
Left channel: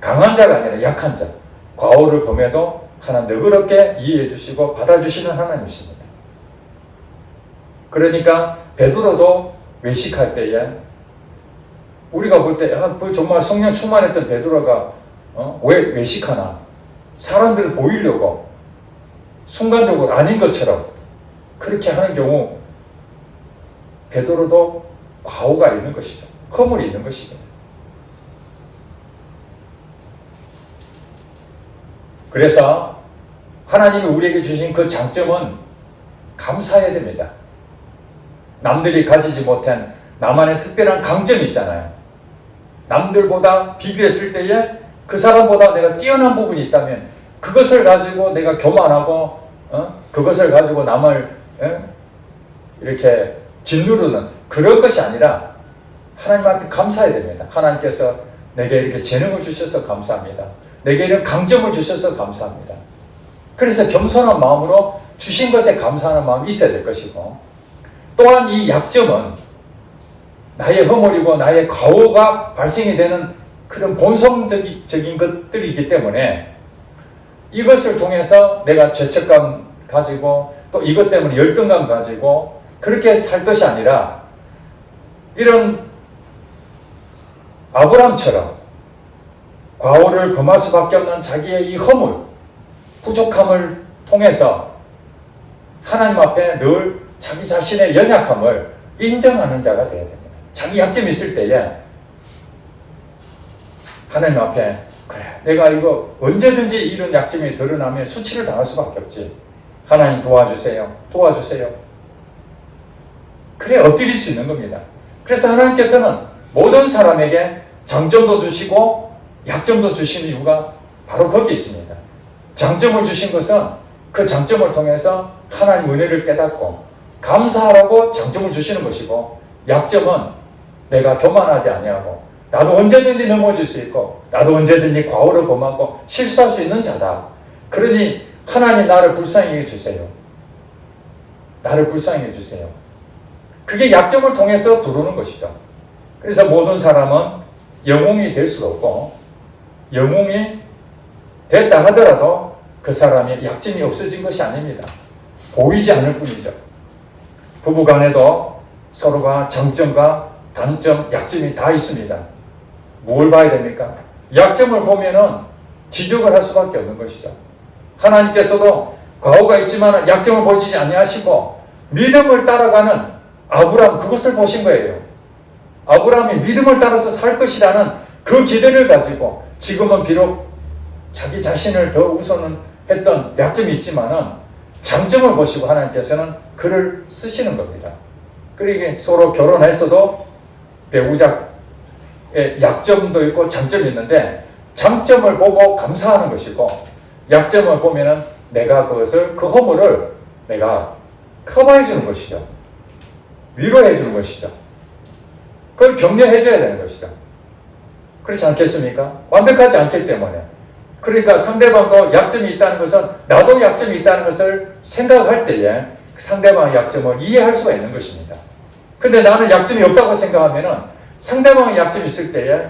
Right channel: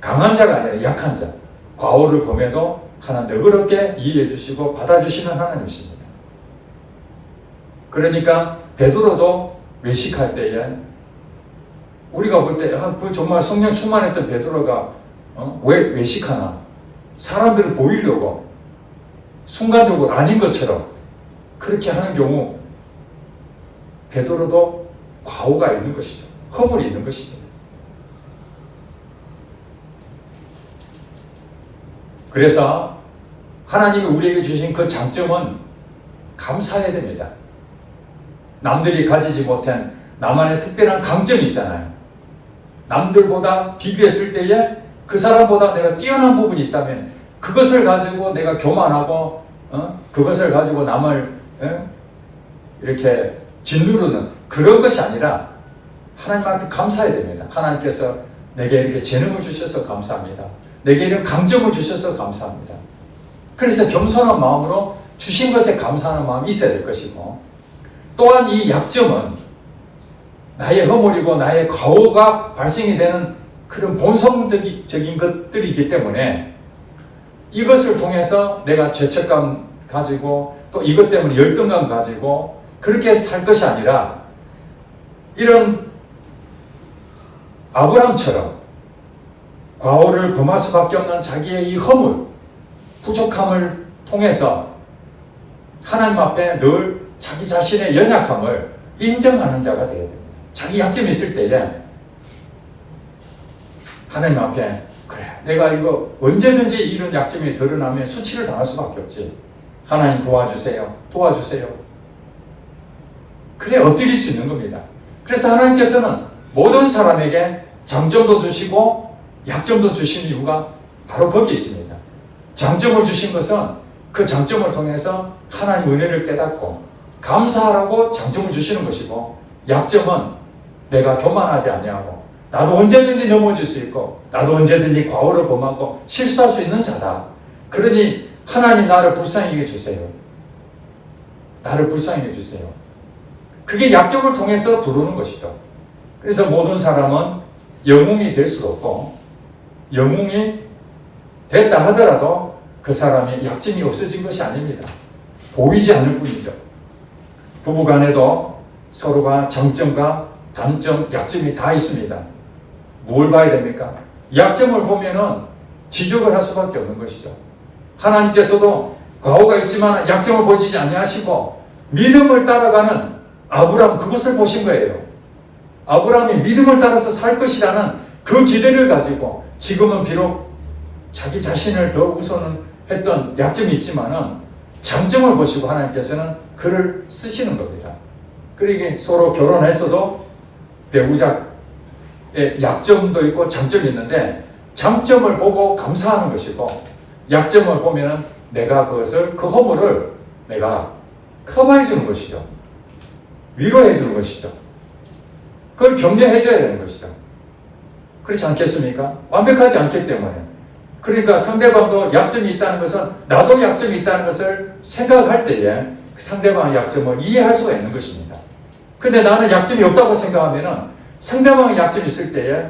강한 자가 아니라 약한 자. 과오를 범해도 하나님 너그럽게 이해해 주시고 받아주시는 하나님이십니다. 그러니까 베드로도 외식할 때에 우리가 볼 때 정말 성령 충만했던 베드로가 왜 외식하나? 사람들을 보이려고 순간적으로 아닌 것처럼 그렇게 하는 경우 베드로도 과오가 있는 것이죠. 허물이 있는 것이죠. 그래서 하나님이 우리에게 주신 그 장점은 감사해야 됩니다. 남들이 가지지 못한 나만의 특별한 강점이 있잖아요. 남들보다 비교했을 때에 그 사람보다 내가 뛰어난 부분이 있다면 그것을 가지고 내가 교만하고 그것을 가지고 남을 이렇게 짓누르는 그런 것이 아니라 하나님 앞에 감사해야 됩니다. 하나님께서 내게 이렇게 재능을 주셔서 감사합니다. 내게 이런 강점을 주셔서 감사합니다. 그래서 겸손한 마음으로 주신 것에 감사하는 마음이 있어야 될 것이고 또한 이 약점은 나의 허물이고 나의 과오가 발생이 되는 그런 본성적인 것들이기 때문에 이것을 통해서 내가 죄책감 가지고 또 이것 때문에 열등감 가지고 그렇게 살 것이 아니라 이런 아브라함처럼 과오를 범할 수밖에 없는 자기의 이 허물, 부족함을 통해서 하나님 앞에 늘 자기 자신의 연약함을 인정하는 자가 되어야 됩니다. 자기 약점이 있을 때에 하나님 앞에 그래 내가 이거 언제든지 이런 약점이 드러나면 수치를 당할 수밖에 없지. 하나님 도와주세요. 도와주세요. 그래 엎드릴 수 있는 겁니다. 그래서 하나님께서는 모든 사람에게 장점도 주시고 약점도 주신 이유가 바로 거기 있습니다. 장점을 주신 것은 그 장점을 통해서 하나님 은혜를 깨닫고 감사하라고 장점을 주시는 것이고 약점은 내가 교만하지 아니하고 나도 언제든지 넘어질 수 있고 나도 언제든지 과오를 범하고 실수할 수 있는 자다. 그러니 하나님 나를 불쌍히 해주세요. 나를 불쌍히 해주세요. 그게 약점을 통해서 들어오는 것이죠. 그래서 모든 사람은 영웅이 될 수가 없고 영웅이 됐다 하더라도 그 사람의 약점이 없어진 것이 아닙니다. 보이지 않을 뿐이죠. 부부간에도 서로가 장점과 단점, 약점이 다 있습니다. 뭘 봐야 됩니까? 약점을 보면은 지적을 할 수밖에 없는 것이죠. 하나님께서도 과오가 있지만 약점을 보이지 아니하시고 믿음을 따라가는 아브라함 그것을 보신 거예요. 아브라함이 믿음을 따라서 살 것이라는 그 기대를 가지고 지금은 비록 자기 자신을 더 우선했던 약점이 있지만은 장점을 보시고 하나님께서는 글을 쓰시는 겁니다. 그러니까 서로 결혼했어도 배우자의 약점도 있고 장점이 있는데 장점을 보고 감사하는 것이고 약점을 보면은 내가 그것을 그 허물을 내가 커버해 주는 것이죠. 위로해 주는 것이죠. 그걸 격려해 줘야 되는 것이죠. 그렇지 않겠습니까? 완벽하지 않기 때문에. 그러니까 상대방도 약점이 있다는 것은 나도 약점이 있다는 것을 생각할 때에 상대방의 약점을 이해할 수가 있는 것입니다. 근데 나는 약점이 없다고 생각하면은 상대방의 약점이 있을 때에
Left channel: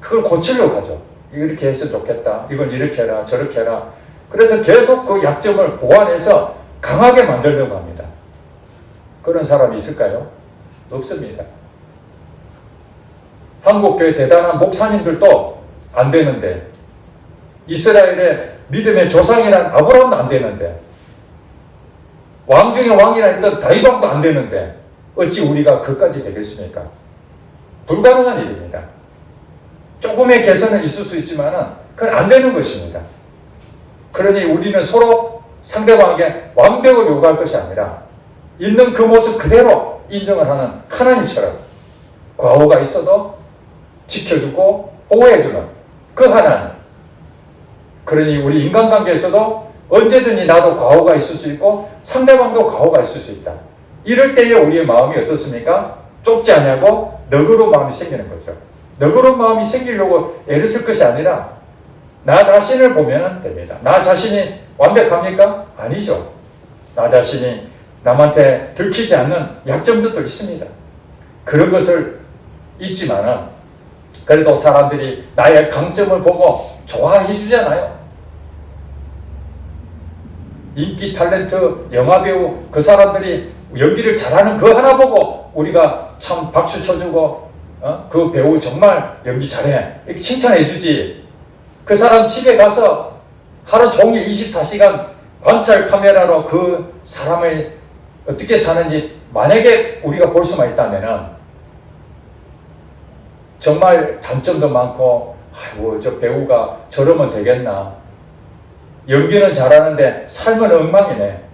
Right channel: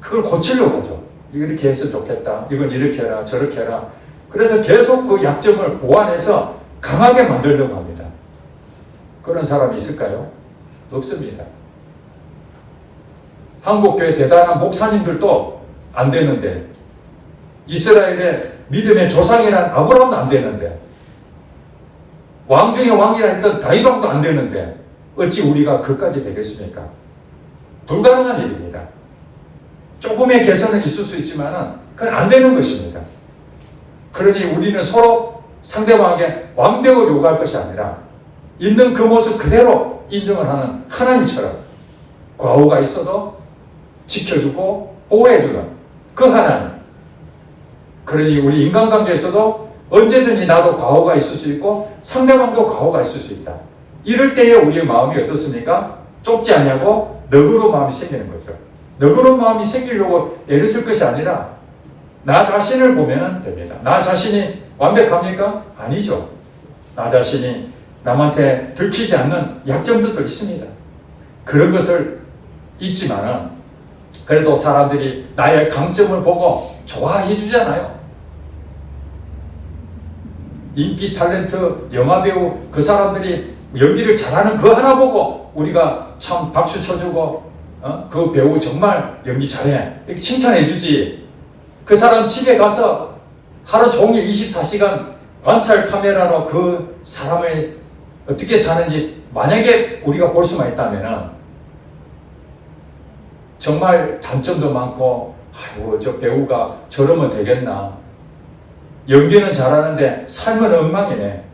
그걸 고치려고 하죠. 이렇게 해서 좋겠다. 이걸 이렇게 해라. 저렇게 해라. 그래서 계속 그 약점을 보완해서 강하게 만들려고 합니다. 그런 사람이 있을까요? 없습니다. 한국교회 대단한 목사님들도 안 되는데 이스라엘의 믿음의 조상이란 아브라함도 안 되는데 왕 중에 왕이라 했던 다윗왕도 안 되는데 어찌 우리가 그까지 되겠습니까? 불가능한 일입니다. 조금의 개선은 있을 수 있지만 그건 안 되는 것입니다. 그러니 우리는 서로 상대방에게 완벽을 요구할 것이 아니라 있는 그 모습 그대로 인정을 하는 하나님처럼 과오가 있어도 지켜주고 보호해주는 그 하나님. 그러니 우리 인간관계에서도 언제든지 나도 과오가 있을 수 있고 상대방도 과오가 있을 수 있다. 이럴 때에 우리의 마음이 어떻습니까? 좁지 않냐고 너그러운 마음이 생기는 거죠. 너그러운 마음이 생기려고 애를 쓸 것이 아니라 나 자신을 보면 됩니다. 나 자신이 완벽합니까? 아니죠. 나 자신이 남한테 들키지 않는 약점들도 있습니다. 그런 것을 있지만은 그래도 사람들이 나의 강점을 보고 좋아해 주잖아요. 인기 탤런트 영화배우 그 사람들이 연기를 잘하는 그 하나 보고 우리가 참 박수 쳐주고 그 배우 정말 연기 잘해 이렇게 칭찬해 주지. 그 사람 집에 가서 하루 종일 24시간 관찰 카메라로 그 사람을 어떻게 사는지 만약에 우리가 볼 수만 있다면 정말 단점도 많고 아이고 저 배우가 저러면 되겠나, 연기는 잘하는데 삶은 엉망이네,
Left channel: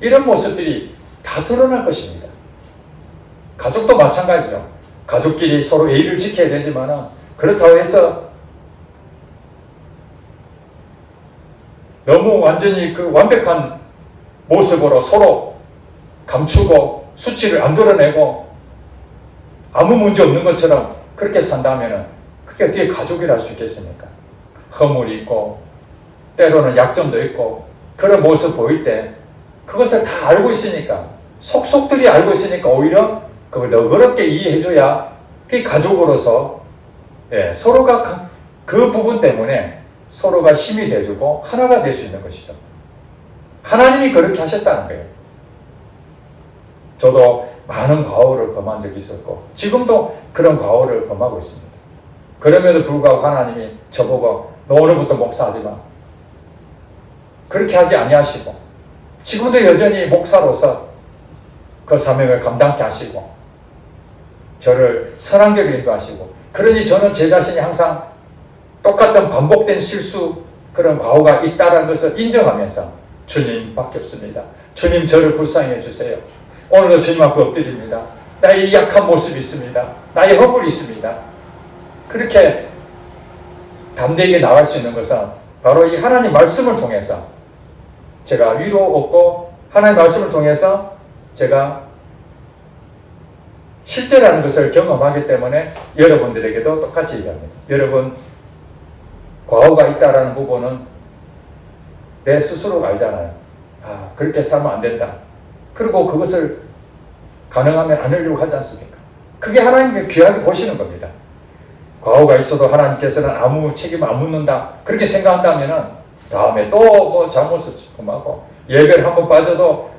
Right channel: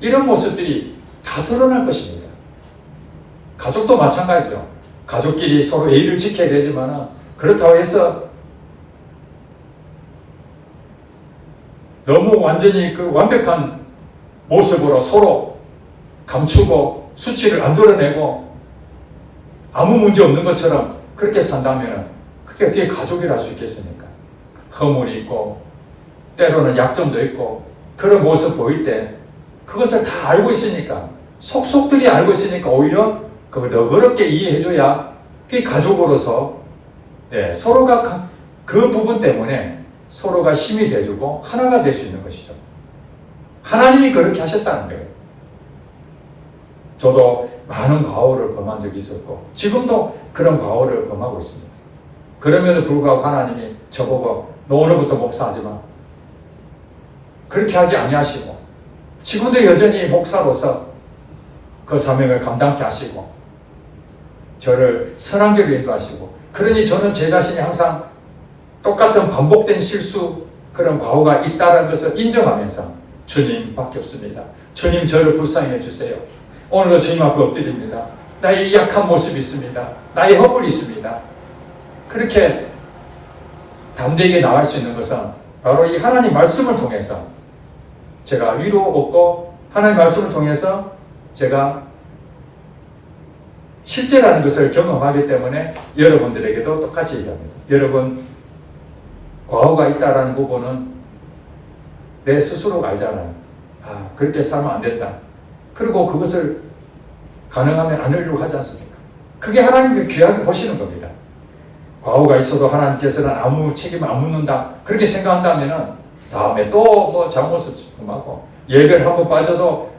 이런 모습들이 다 드러날 것입니다. 가족도 마찬가지죠. 가족끼리 서로 예의를 지켜야 되지만 그렇다고 해서 너무 완전히 그 완벽한 모습으로 서로 감추고 수치를 안 드러내고 아무 문제 없는 것처럼 그렇게 산다면 그게 어떻게 가족이라 할 수 있겠습니까? 허물이 있고 때로는 약점도 있고 그런 모습 보일 때 그것을 다 알고 있으니까 속속들이 알고 있으니까 오히려 그걸 너그럽게 이해해줘야 그게 가족으로서 서로가 그 부분 때문에 서로가 힘이 돼주고 하나가 될 수 있는 것이죠. 하나님이 그렇게 하셨다는 거예요. 저도 많은 과오를 범한 적이 있었고 지금도 그런 과오를 범하고 있습니다. 그럼에도 불구하고 하나님이 저보고 너 오늘부터 목사하지 마, 그렇게 하지 아니하시고 지금도 여전히 목사로서 그 사명을 감당케 하시고 저를 선한 길로 인도하시고, 그러니 저는 제 자신이 항상 똑같은 반복된 실수 그런 과오가 있다는 것을 인정하면서 주님밖에 없습니다. 주님 저를 불쌍히 해주세요. 오늘도 주님 앞에 엎드립니다. 나의 약한 모습이 있습니다. 나의 허물이 있습니다. 그렇게 담대하게 나갈 수 있는 것은 바로 이 하나님 말씀을 통해서 제가 위로 얻고 하나님 말씀을 통해서 제가 실제라는 것을 경험하기 때문에 여러분들에게도 똑같이 얘기합니다. 여러분 과오가 있다라는 부분은 내 스스로가 알잖아요. 아, 그렇게 살면 안 된다. 그리고 그것을 가능하면 안 하려고 하지 않습니까? 그게 하나님의 귀하게 보시는 겁니다. 과오가 있어도 하나님께서는 아무 책임을 안 묻는다, 그렇게 생각한다면 다음에 또 뭐 잘못을 하고 예배를 한 번 빠져도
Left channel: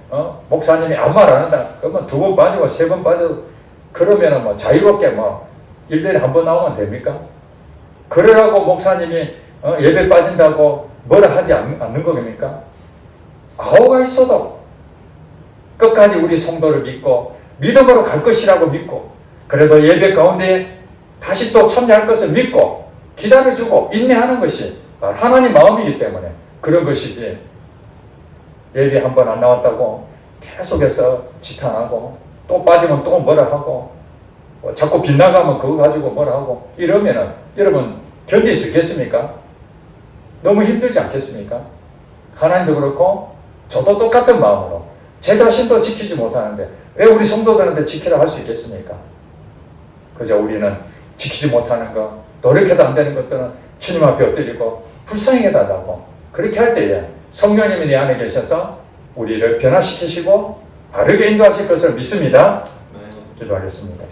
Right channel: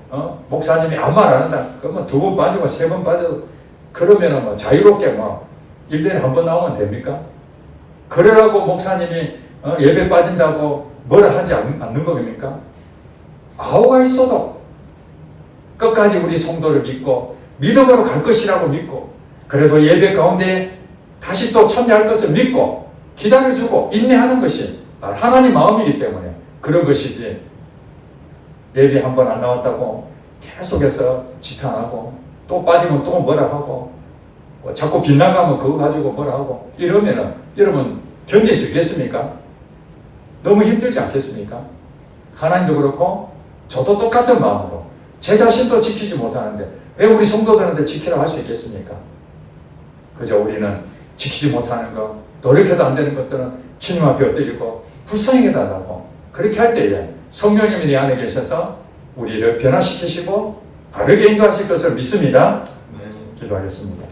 목사님이 아무 말 안 한다, 그러면 두 번 빠지고 세 번 빠져도 그러면은 뭐 자유롭게 뭐 1년에 한 번 나오면 됩니까? 그러라고 목사님이 예배 빠진다고 뭐라 하지 않는 겁니까? 과오가 있어도 끝까지 우리 성도를 믿고 믿음으로 갈 것이라고 믿고 그래도 예배 가운데 다시 또 참여할 것을 믿고 기다려주고 인내하는 것이 하나님 마음이기 때문에 그런 것이지, 예배 한 번 안 나왔다고 계속해서 지탄하고 또 빠지면 또 뭐라 하고 자꾸 빗나가면 그거 가지고 뭐라 하고 이러면은 여러분 견딜 수 있겠습니까? 너무 힘들지 않겠습니까? 하나님도 그렇고 저도 똑같은 마음으로 제 자신도 지키지 못하는데 왜 우리 성도들한테 지키라 할 수 있겠습니까? 그저 우리는 지키지 못하는 것, 노력해도 안 되는 것들은 주님 앞에 엎드리고 불쌍히 해달라고, 그렇게 할 때에 성령님이 내 안에 계셔서 우리를 변화시키시고 바르게 인도하실 것을 믿습니다. 기도하겠습니다.